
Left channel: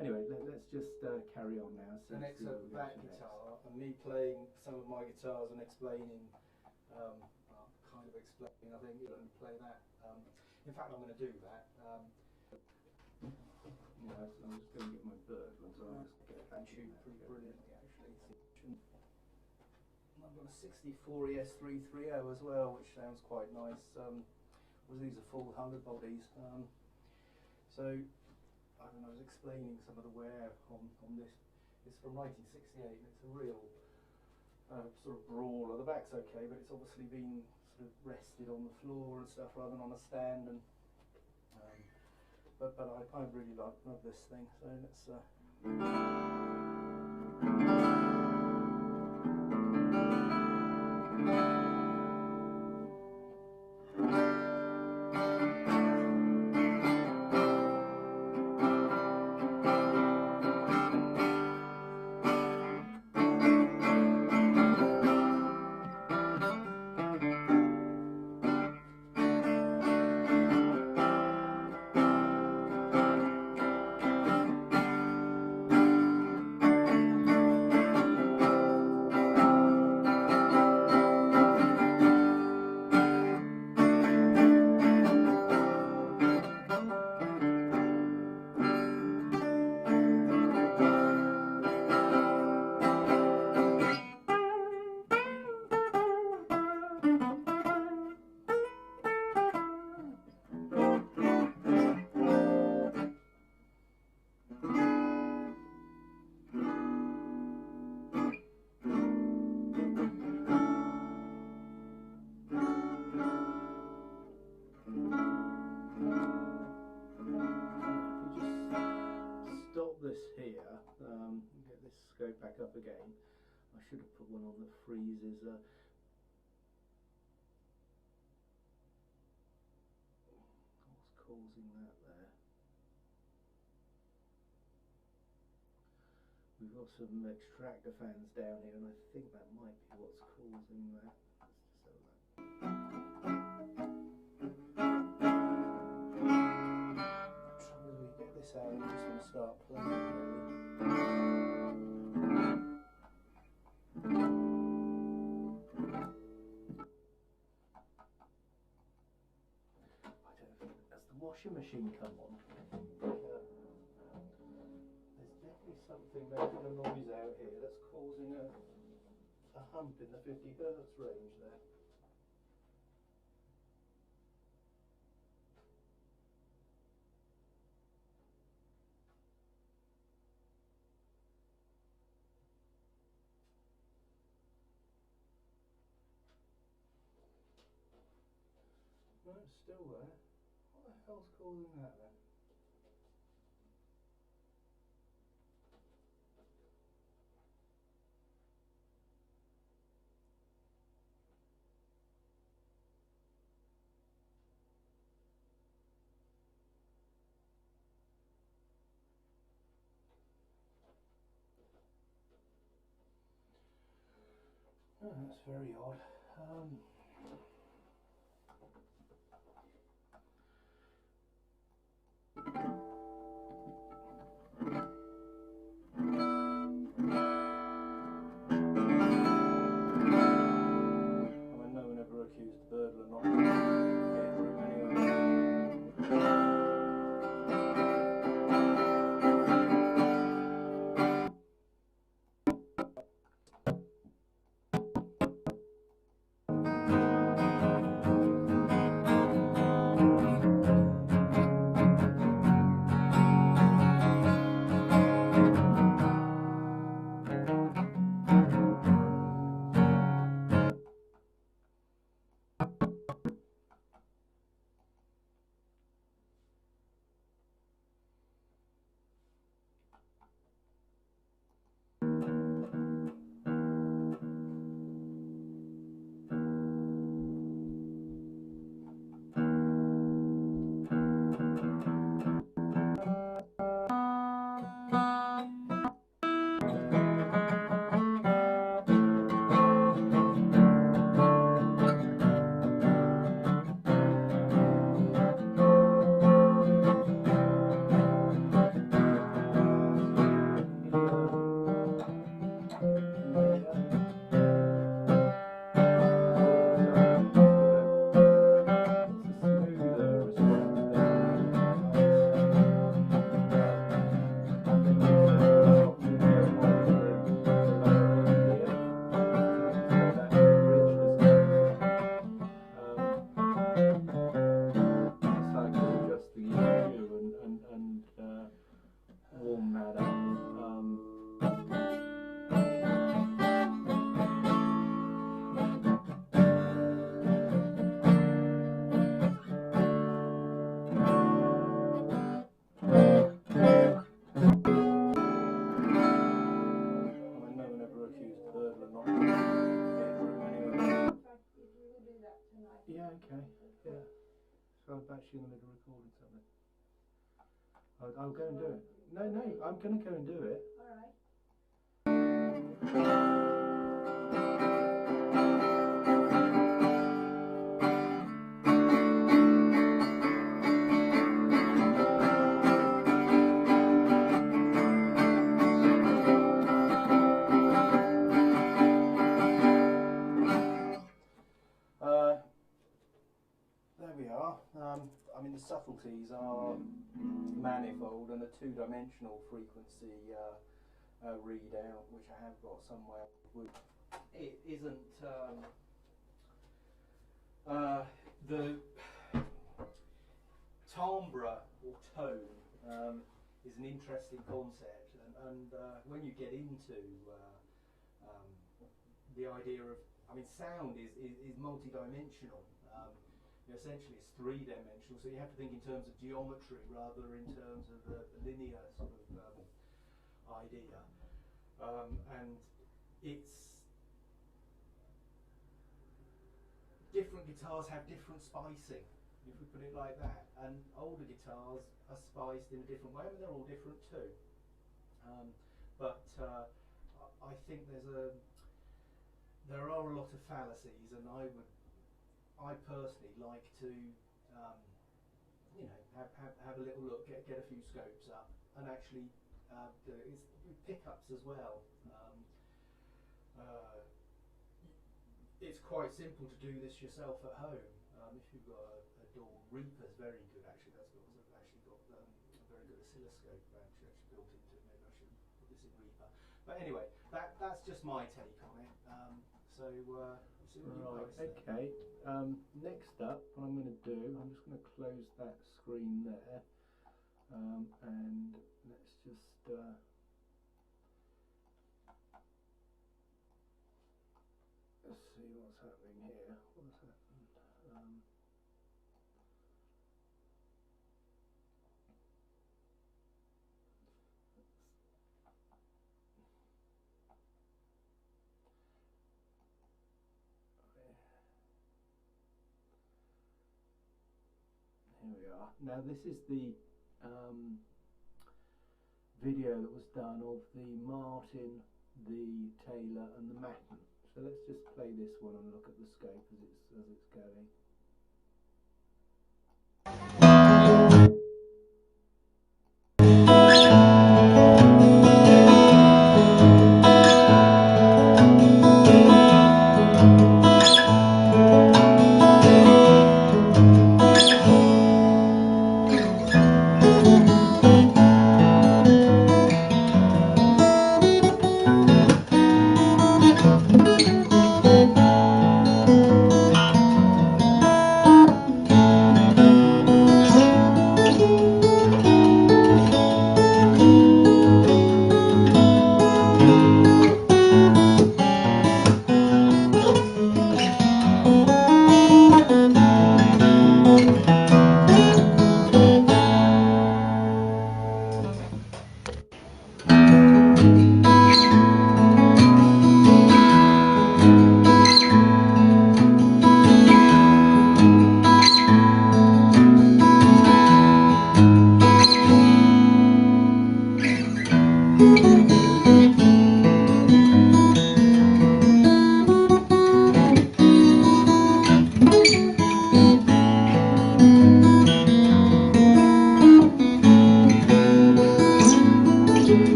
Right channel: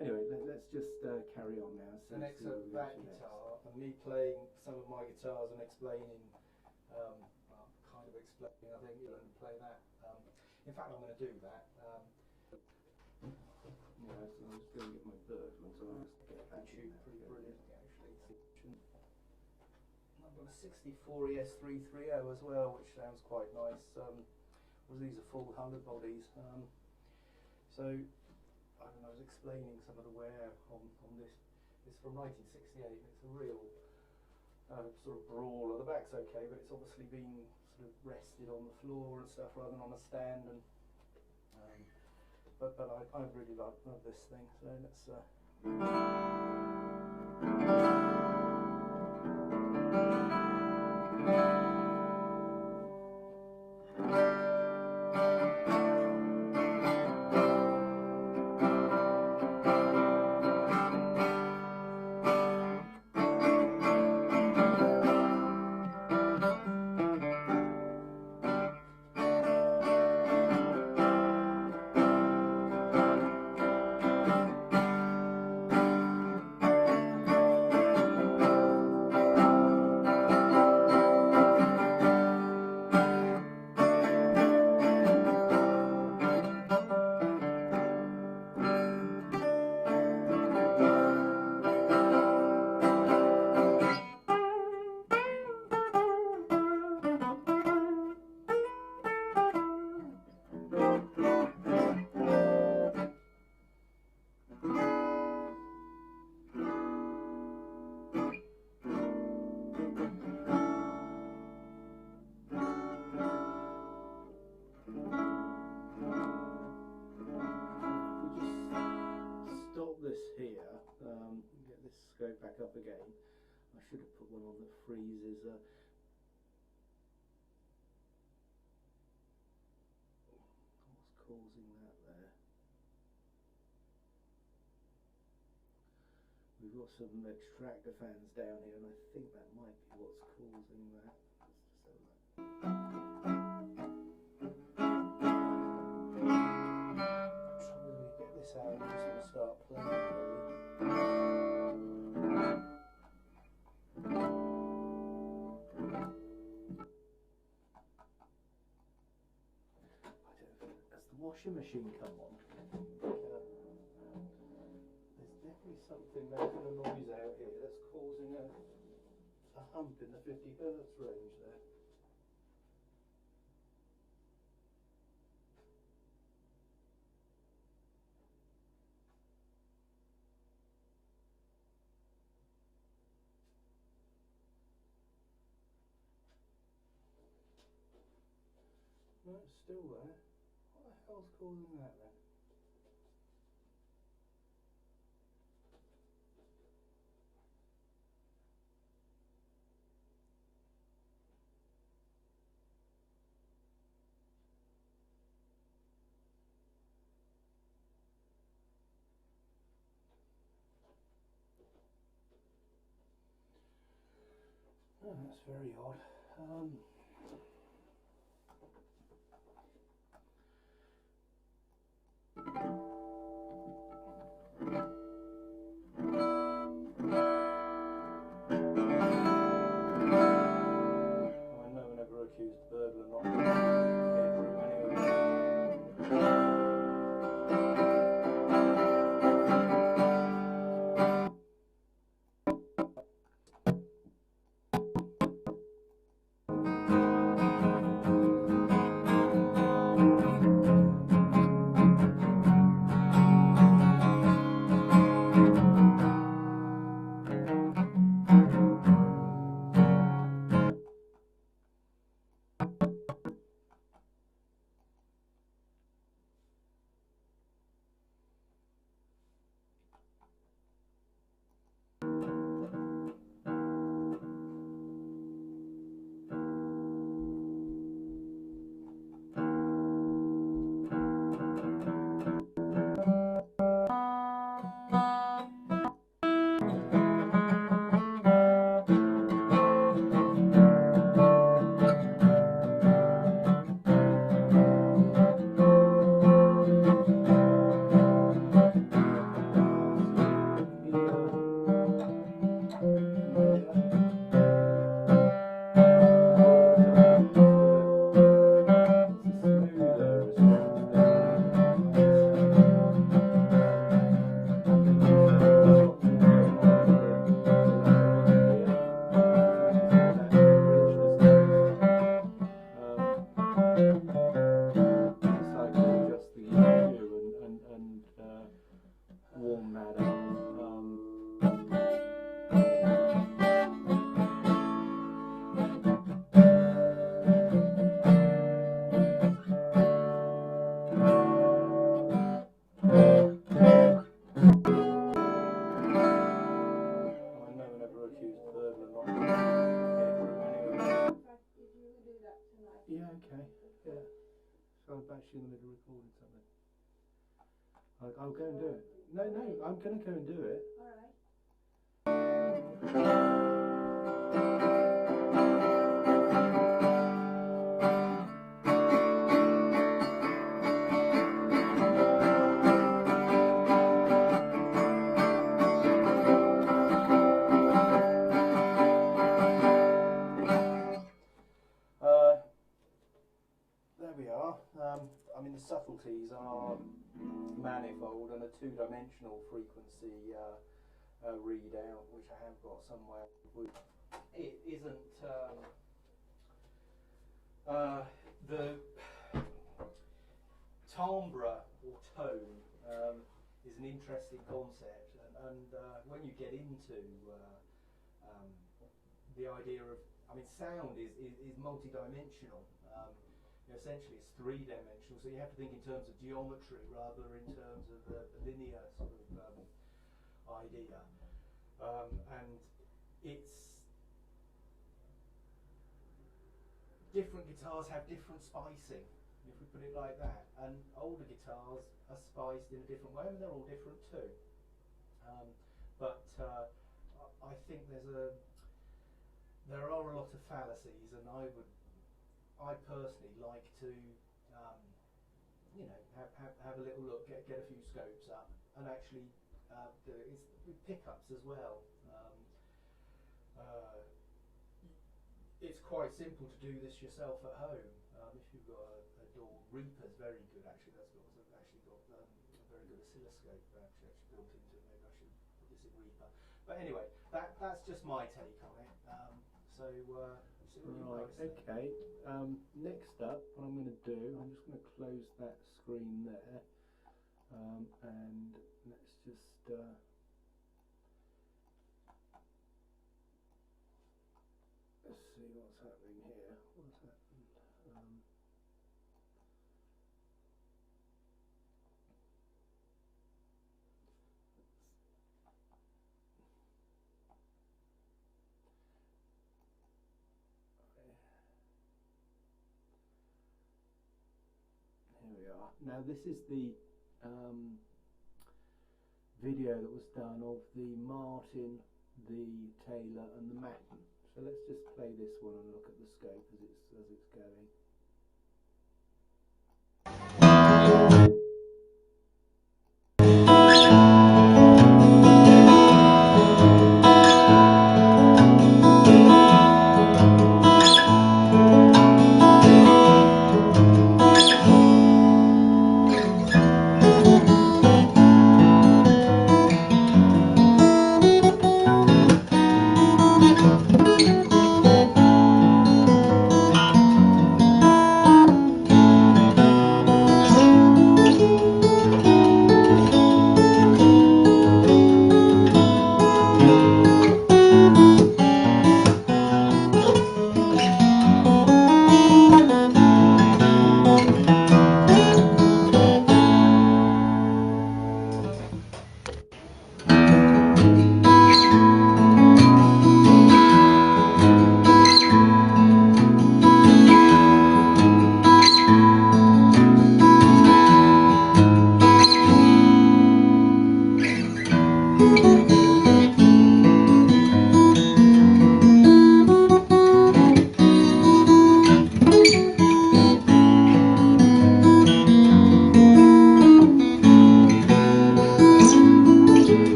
anyway, let's just carry on now. The next back guitar, and me playing some of my guitars and explaining, kind of explaining, I think you're going to play that. In fact, I'm going to do that. Yeah, so I'm just going to get my bird ones. So I'll just get That tune pretty brilliantly, actually. I've got a 64 ES330 as well, which sounds quite nice. These are full 100 bodies. So I was explaining some of the wear on this. It's from 1968, and it's a real sort of brawler. The back's okay, but it's obviously been sort of rested on the floor and stuff rather than on a stand. And but I really love this thing. So let's. Go back up again. I should have put one on that freezes. What's causing that there? We've got some extractor fans down here, and I think that might be what's causing that. Let's just have a look. Try to get this out. I'm just going to start playing really. Has the washing machine come on? There's definitely something making a noise out here that's causing a hump in the 50 Hz range there. No, it's still there. What the hell's causing that then? Oh, that's very odd. warm that up. Yeah, okay. Yeah. So I'm actually in the middle of recording something. I'll go and do it. No, I'm going to go and do it. There we are. I mean, the subtleties are manifold, and a two-dimensional frequency readout, which I have got somewhere. It isn't the timbre or tone is an interesting concept, and when you get into the idea of, I mean, sound is multi-dimensional. Essentially it's three-dimensional, so you have to think in terms of geometry rather in terms of the linear sort of idea, and it's different guitars have different spicing, if we put it like that, and older guitars are spiced in a different way. I mean, they're all different too, but I think there are a lot of fallacies, and I personally like to, you know, have a little look, get a few scopes up, and actually do it. It's pickups as well. It's quite simple to do this yourself at home. If you've got a DAW, Reaper's very good actually. That's actually got a very good oscilloscope actually built into it. Maybe I should put this in Reaper. But anyway, that's just my take on it. Right, okay. Next up, what I'm going to do, I'm just going to close that screen there, and let's just let's see what's happening here. What's happened? Here we are. Now this is the video that was done of the Martin, the Taylor and the Matten. So let's just play this one and look at the scope as it's going.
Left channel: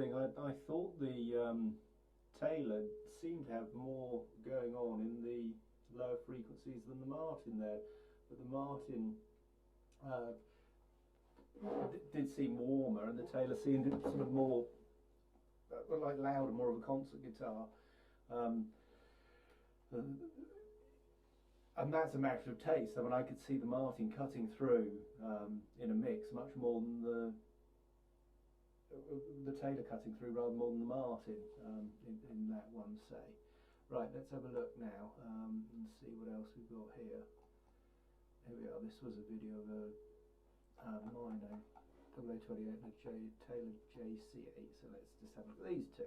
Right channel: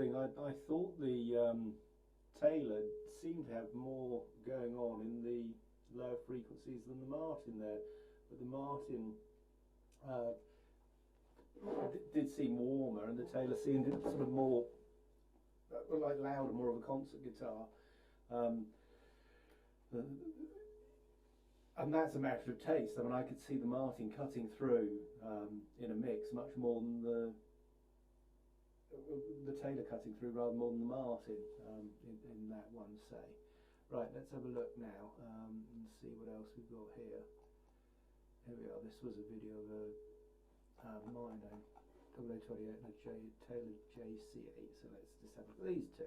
interesting. I thought the Taylor seemed to have more going on in the lower frequencies than the Martin there, but the Martin did seem warmer, and the Taylor seemed sort of more like louder, more of a concert guitar. And that's a matter of taste. I mean, I could see the Martin cutting through in a mix much more than the Taylor cutting through rather more than the Martin in that one, say. Right, let's have a look now and see what else we've got here. Here we are. This was a video of a Mino 0028 and a Taylor JC8. So let's just have a look at these two.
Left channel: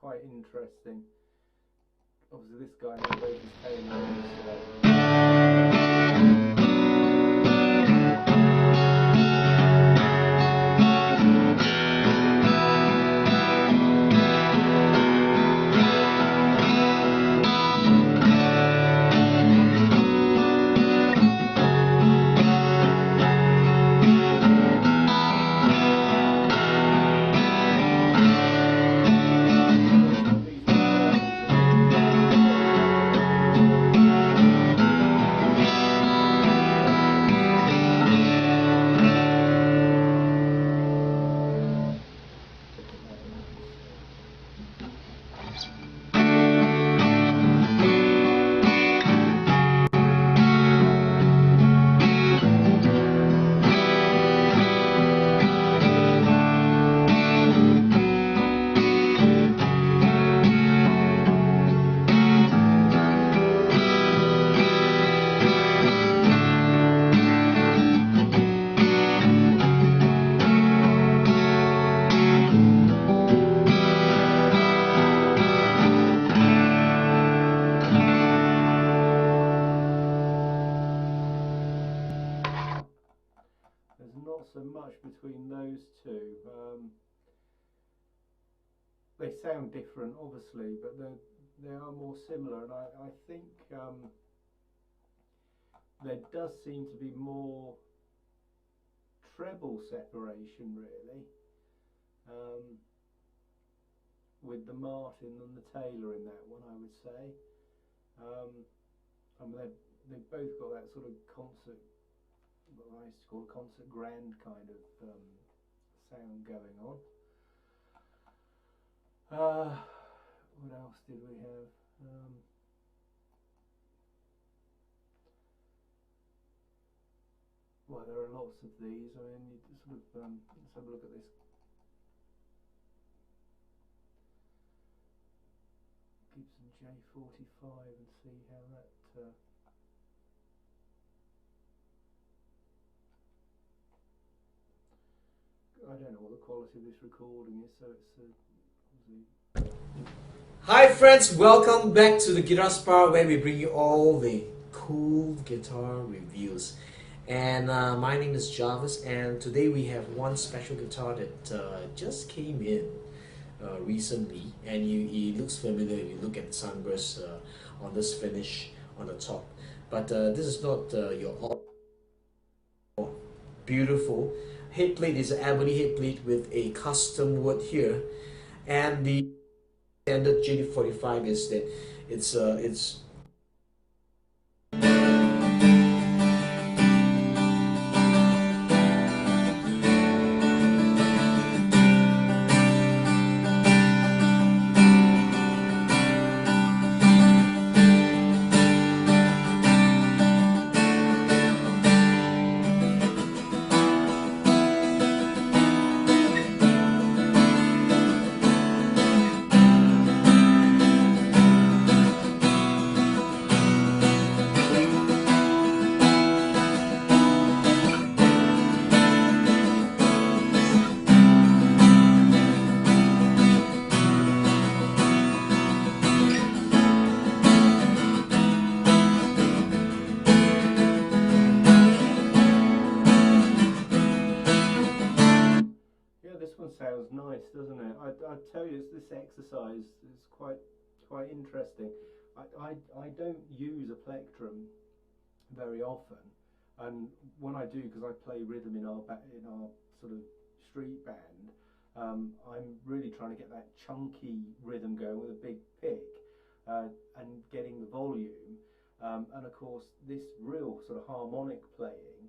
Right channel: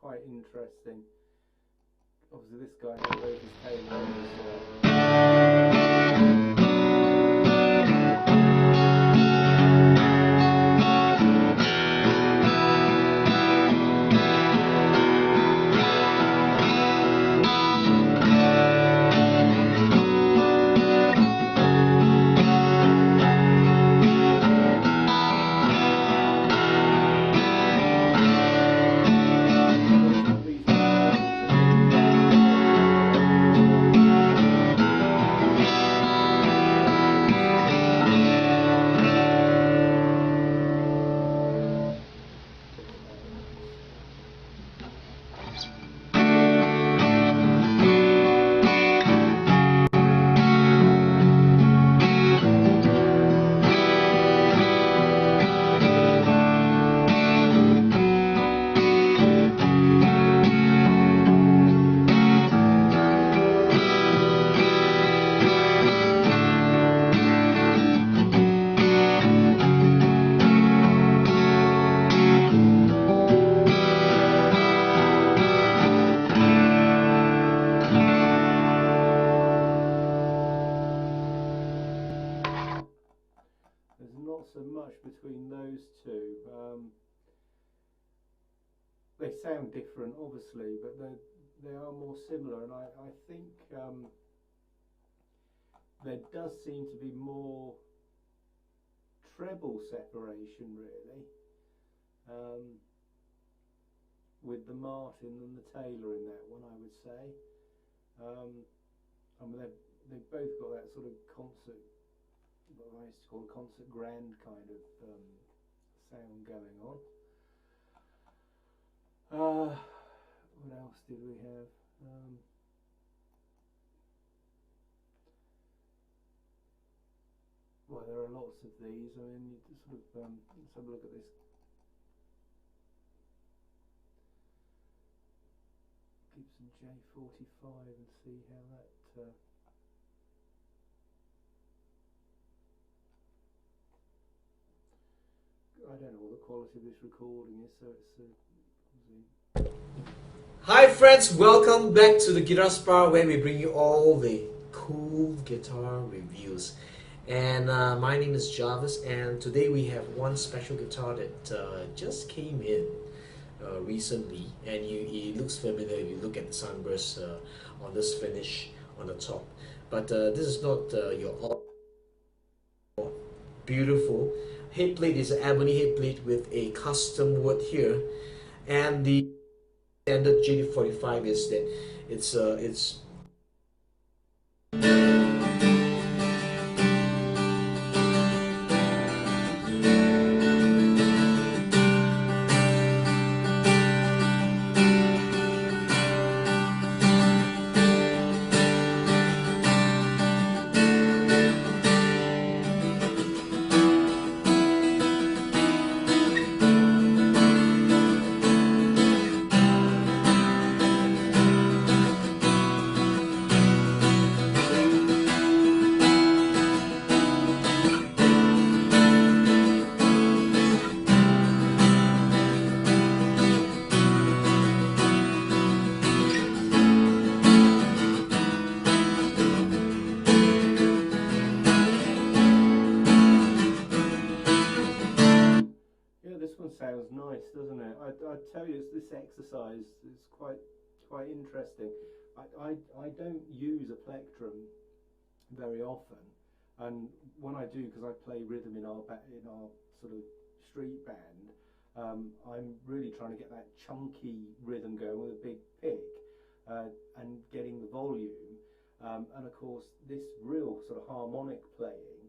Quite interesting. Obviously this guy knows his tail. So much between those two. They sound different, obviously, but they are more similar, and I think there does seem to be more treble separation, really, with the Martin than the Taylor in that one, I would say. I mean, they've both got that sort of concert, what I used to call a concert grand kind of sound going on. What else did we have? Well, there are lots of these. I mean, you sort of let's have a look at this. Gibson J45 and see how that. I don't know what the quality of this recording is, so it's Hi friends, welcome back to the Guitar Spar, where we bring you all the cool guitar reviews. And my name is Jarvis, and today we have one special guitar that just came in. recently, and it looks familiar if you look at the sunburst on this finish on the top. But this is not your all beautiful head plate. Is an ebony head plate with a custom wood here, and the standard JD45 is that it's sounds nice, doesn't it? I tell you, this exercise is quite interesting. I don't use a plectrum very often, and when I do, because I play rhythm in our sort of street band, I'm really trying to get that chunky rhythm going with a big pick, and getting the volume, and of course this real sort of harmonic playing.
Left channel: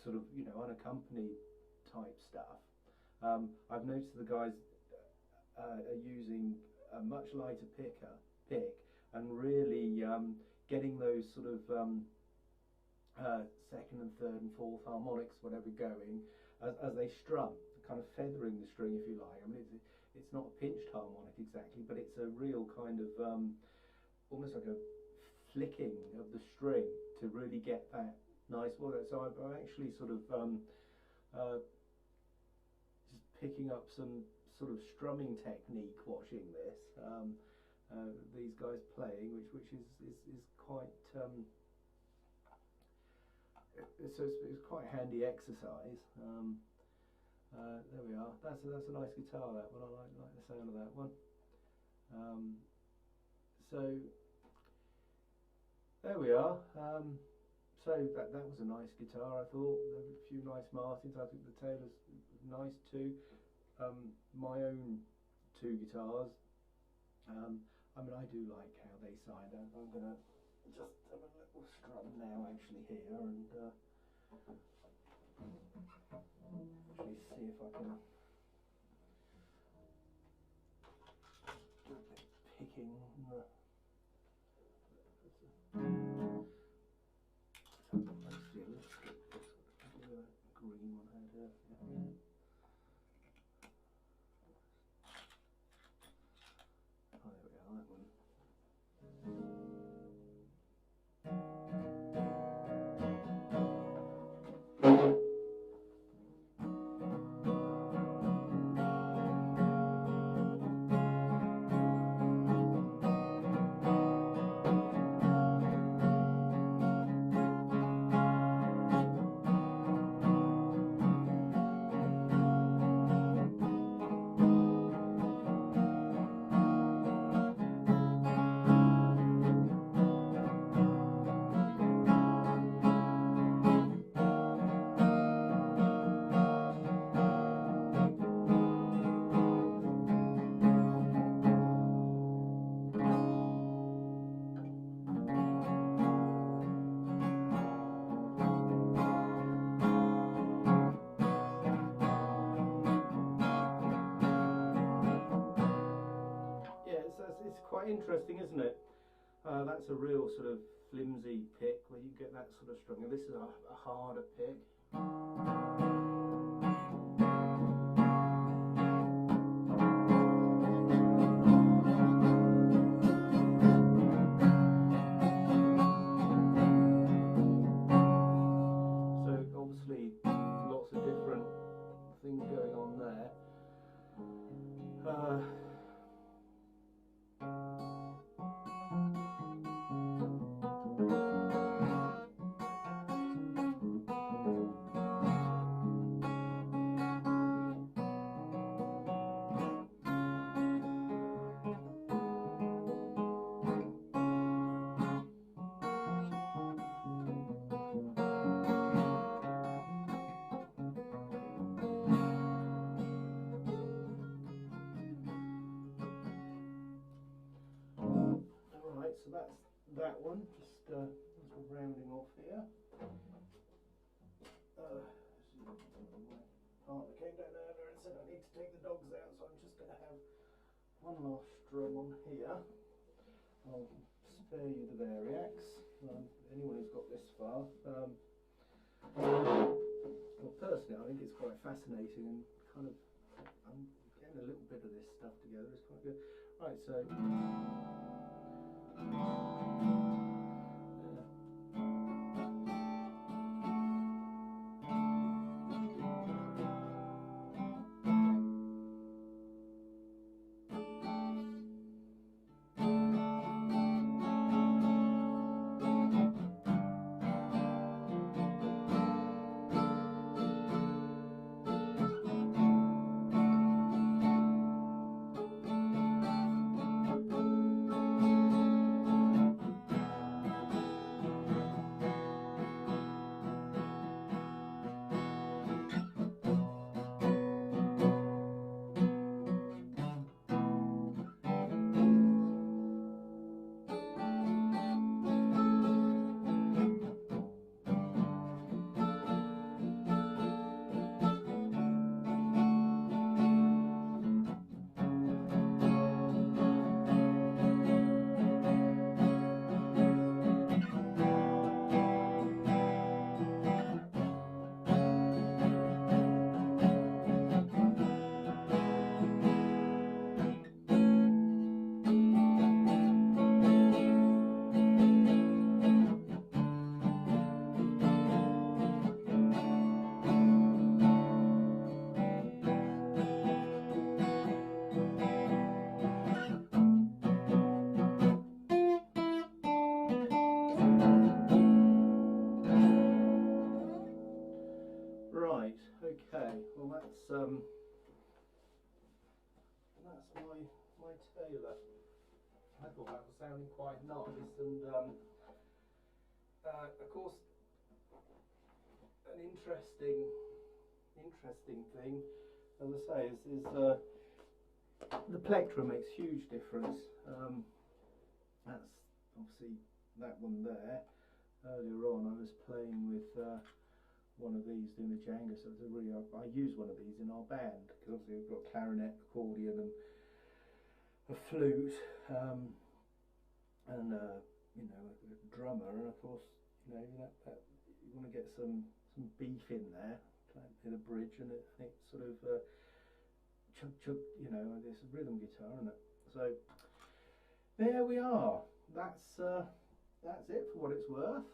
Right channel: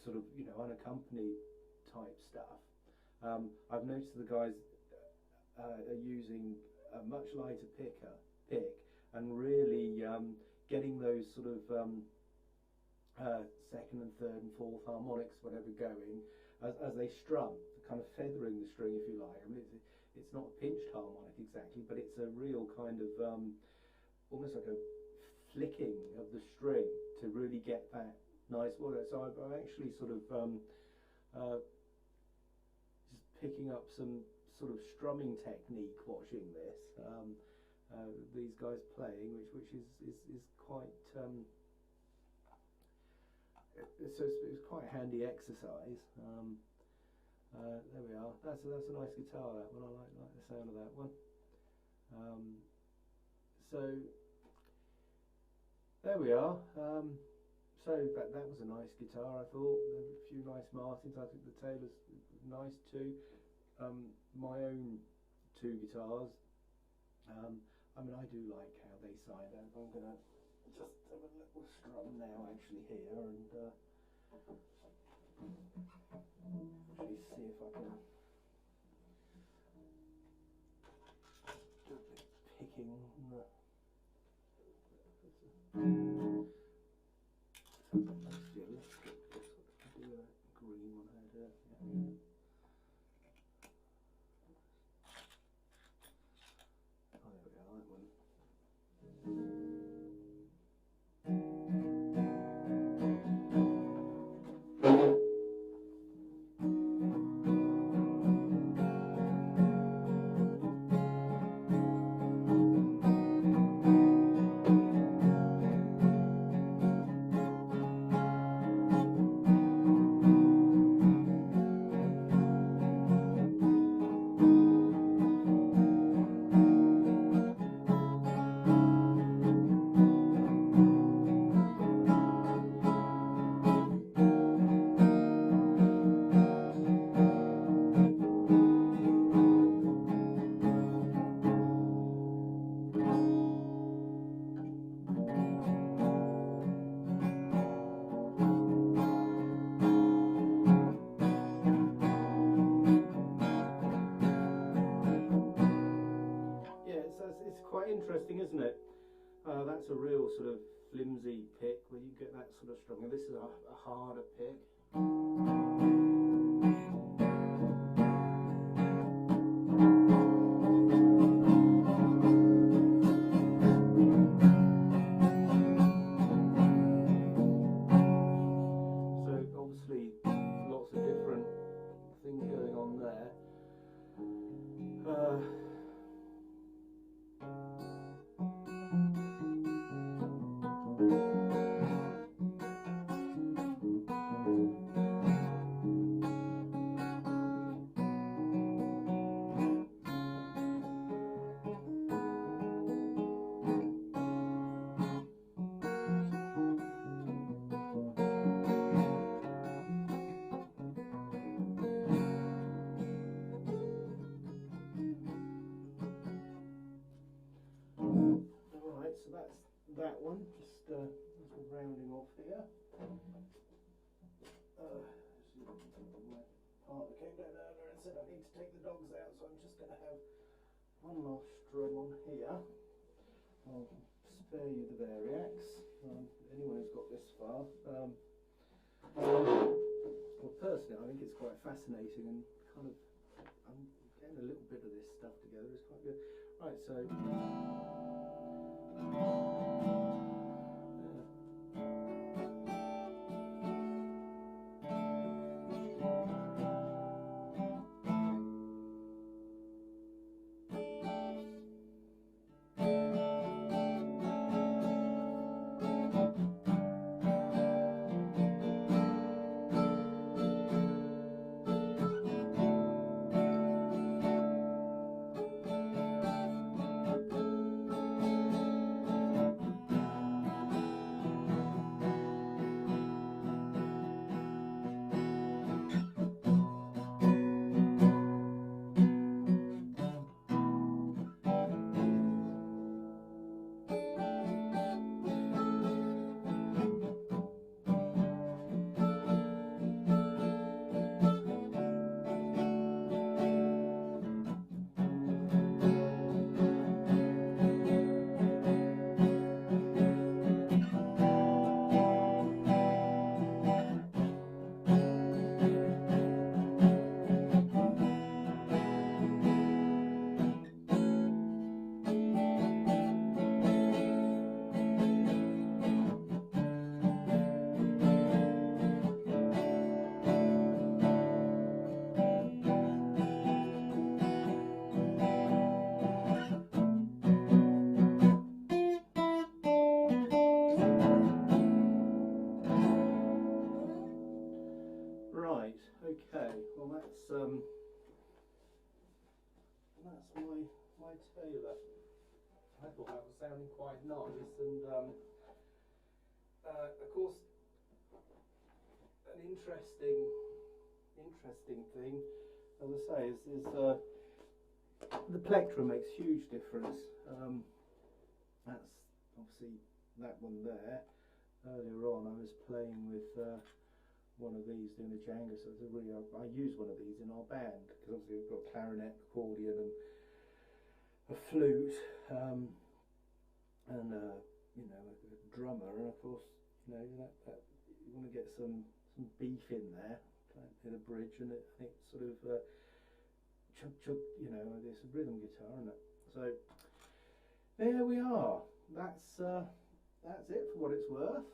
Sort of, you know, unaccompanied type stuff. I've noticed the guys are using a much lighter pick, and really getting those sort of second and third and fourth harmonics, whatever, going as they strum, kind of feathering the string, if you like. I mean, it's not a pinched harmonic exactly, but it's a real kind of almost like a flicking of the string to really get that nice water. So I'm actually sort of just picking up some sort of strumming technique watching this, these guys playing, which is quite it's quite a handy exercise. There we are. That's a nice guitar, that one. I like the sound of that one. So there we are. So that was a nice guitar, I thought. A few nice Martins. I think the Taylor's nice too. My own two guitars. I mean, I do like how they sound. I'm gonna just have a little strum now, actually, here, and actually see if I can do a bit of picking. Interesting, isn't it? That's a real sort of flimsy pick where you get that sort of strum. This is a harder pick. So obviously lots of different things going on there. one last strum on here. I'll spare you the variacs. Anyone who's got this far. Well, personally, I think it's quite fascinating and kind of, I'm getting a little bit of this stuff together. It's quite good. Right, so. Right, okay, well that's my Taylor. I thought that was sounding quite nice, and of course an interesting thing, as I say, is the plectrum makes huge difference. That's obviously that one there. Earlier on I was playing with one of these doing the Django, so it's a really, I use one of these in our band because obviously we've got clarinet, accordion and a flute, and you know, a drummer, and of course, you know, that you want to get some beef in there, in a bridge, and it sort of chug chug, you know, it's a rhythm guitar, isn't it? So there we are. That's it for what it's worth.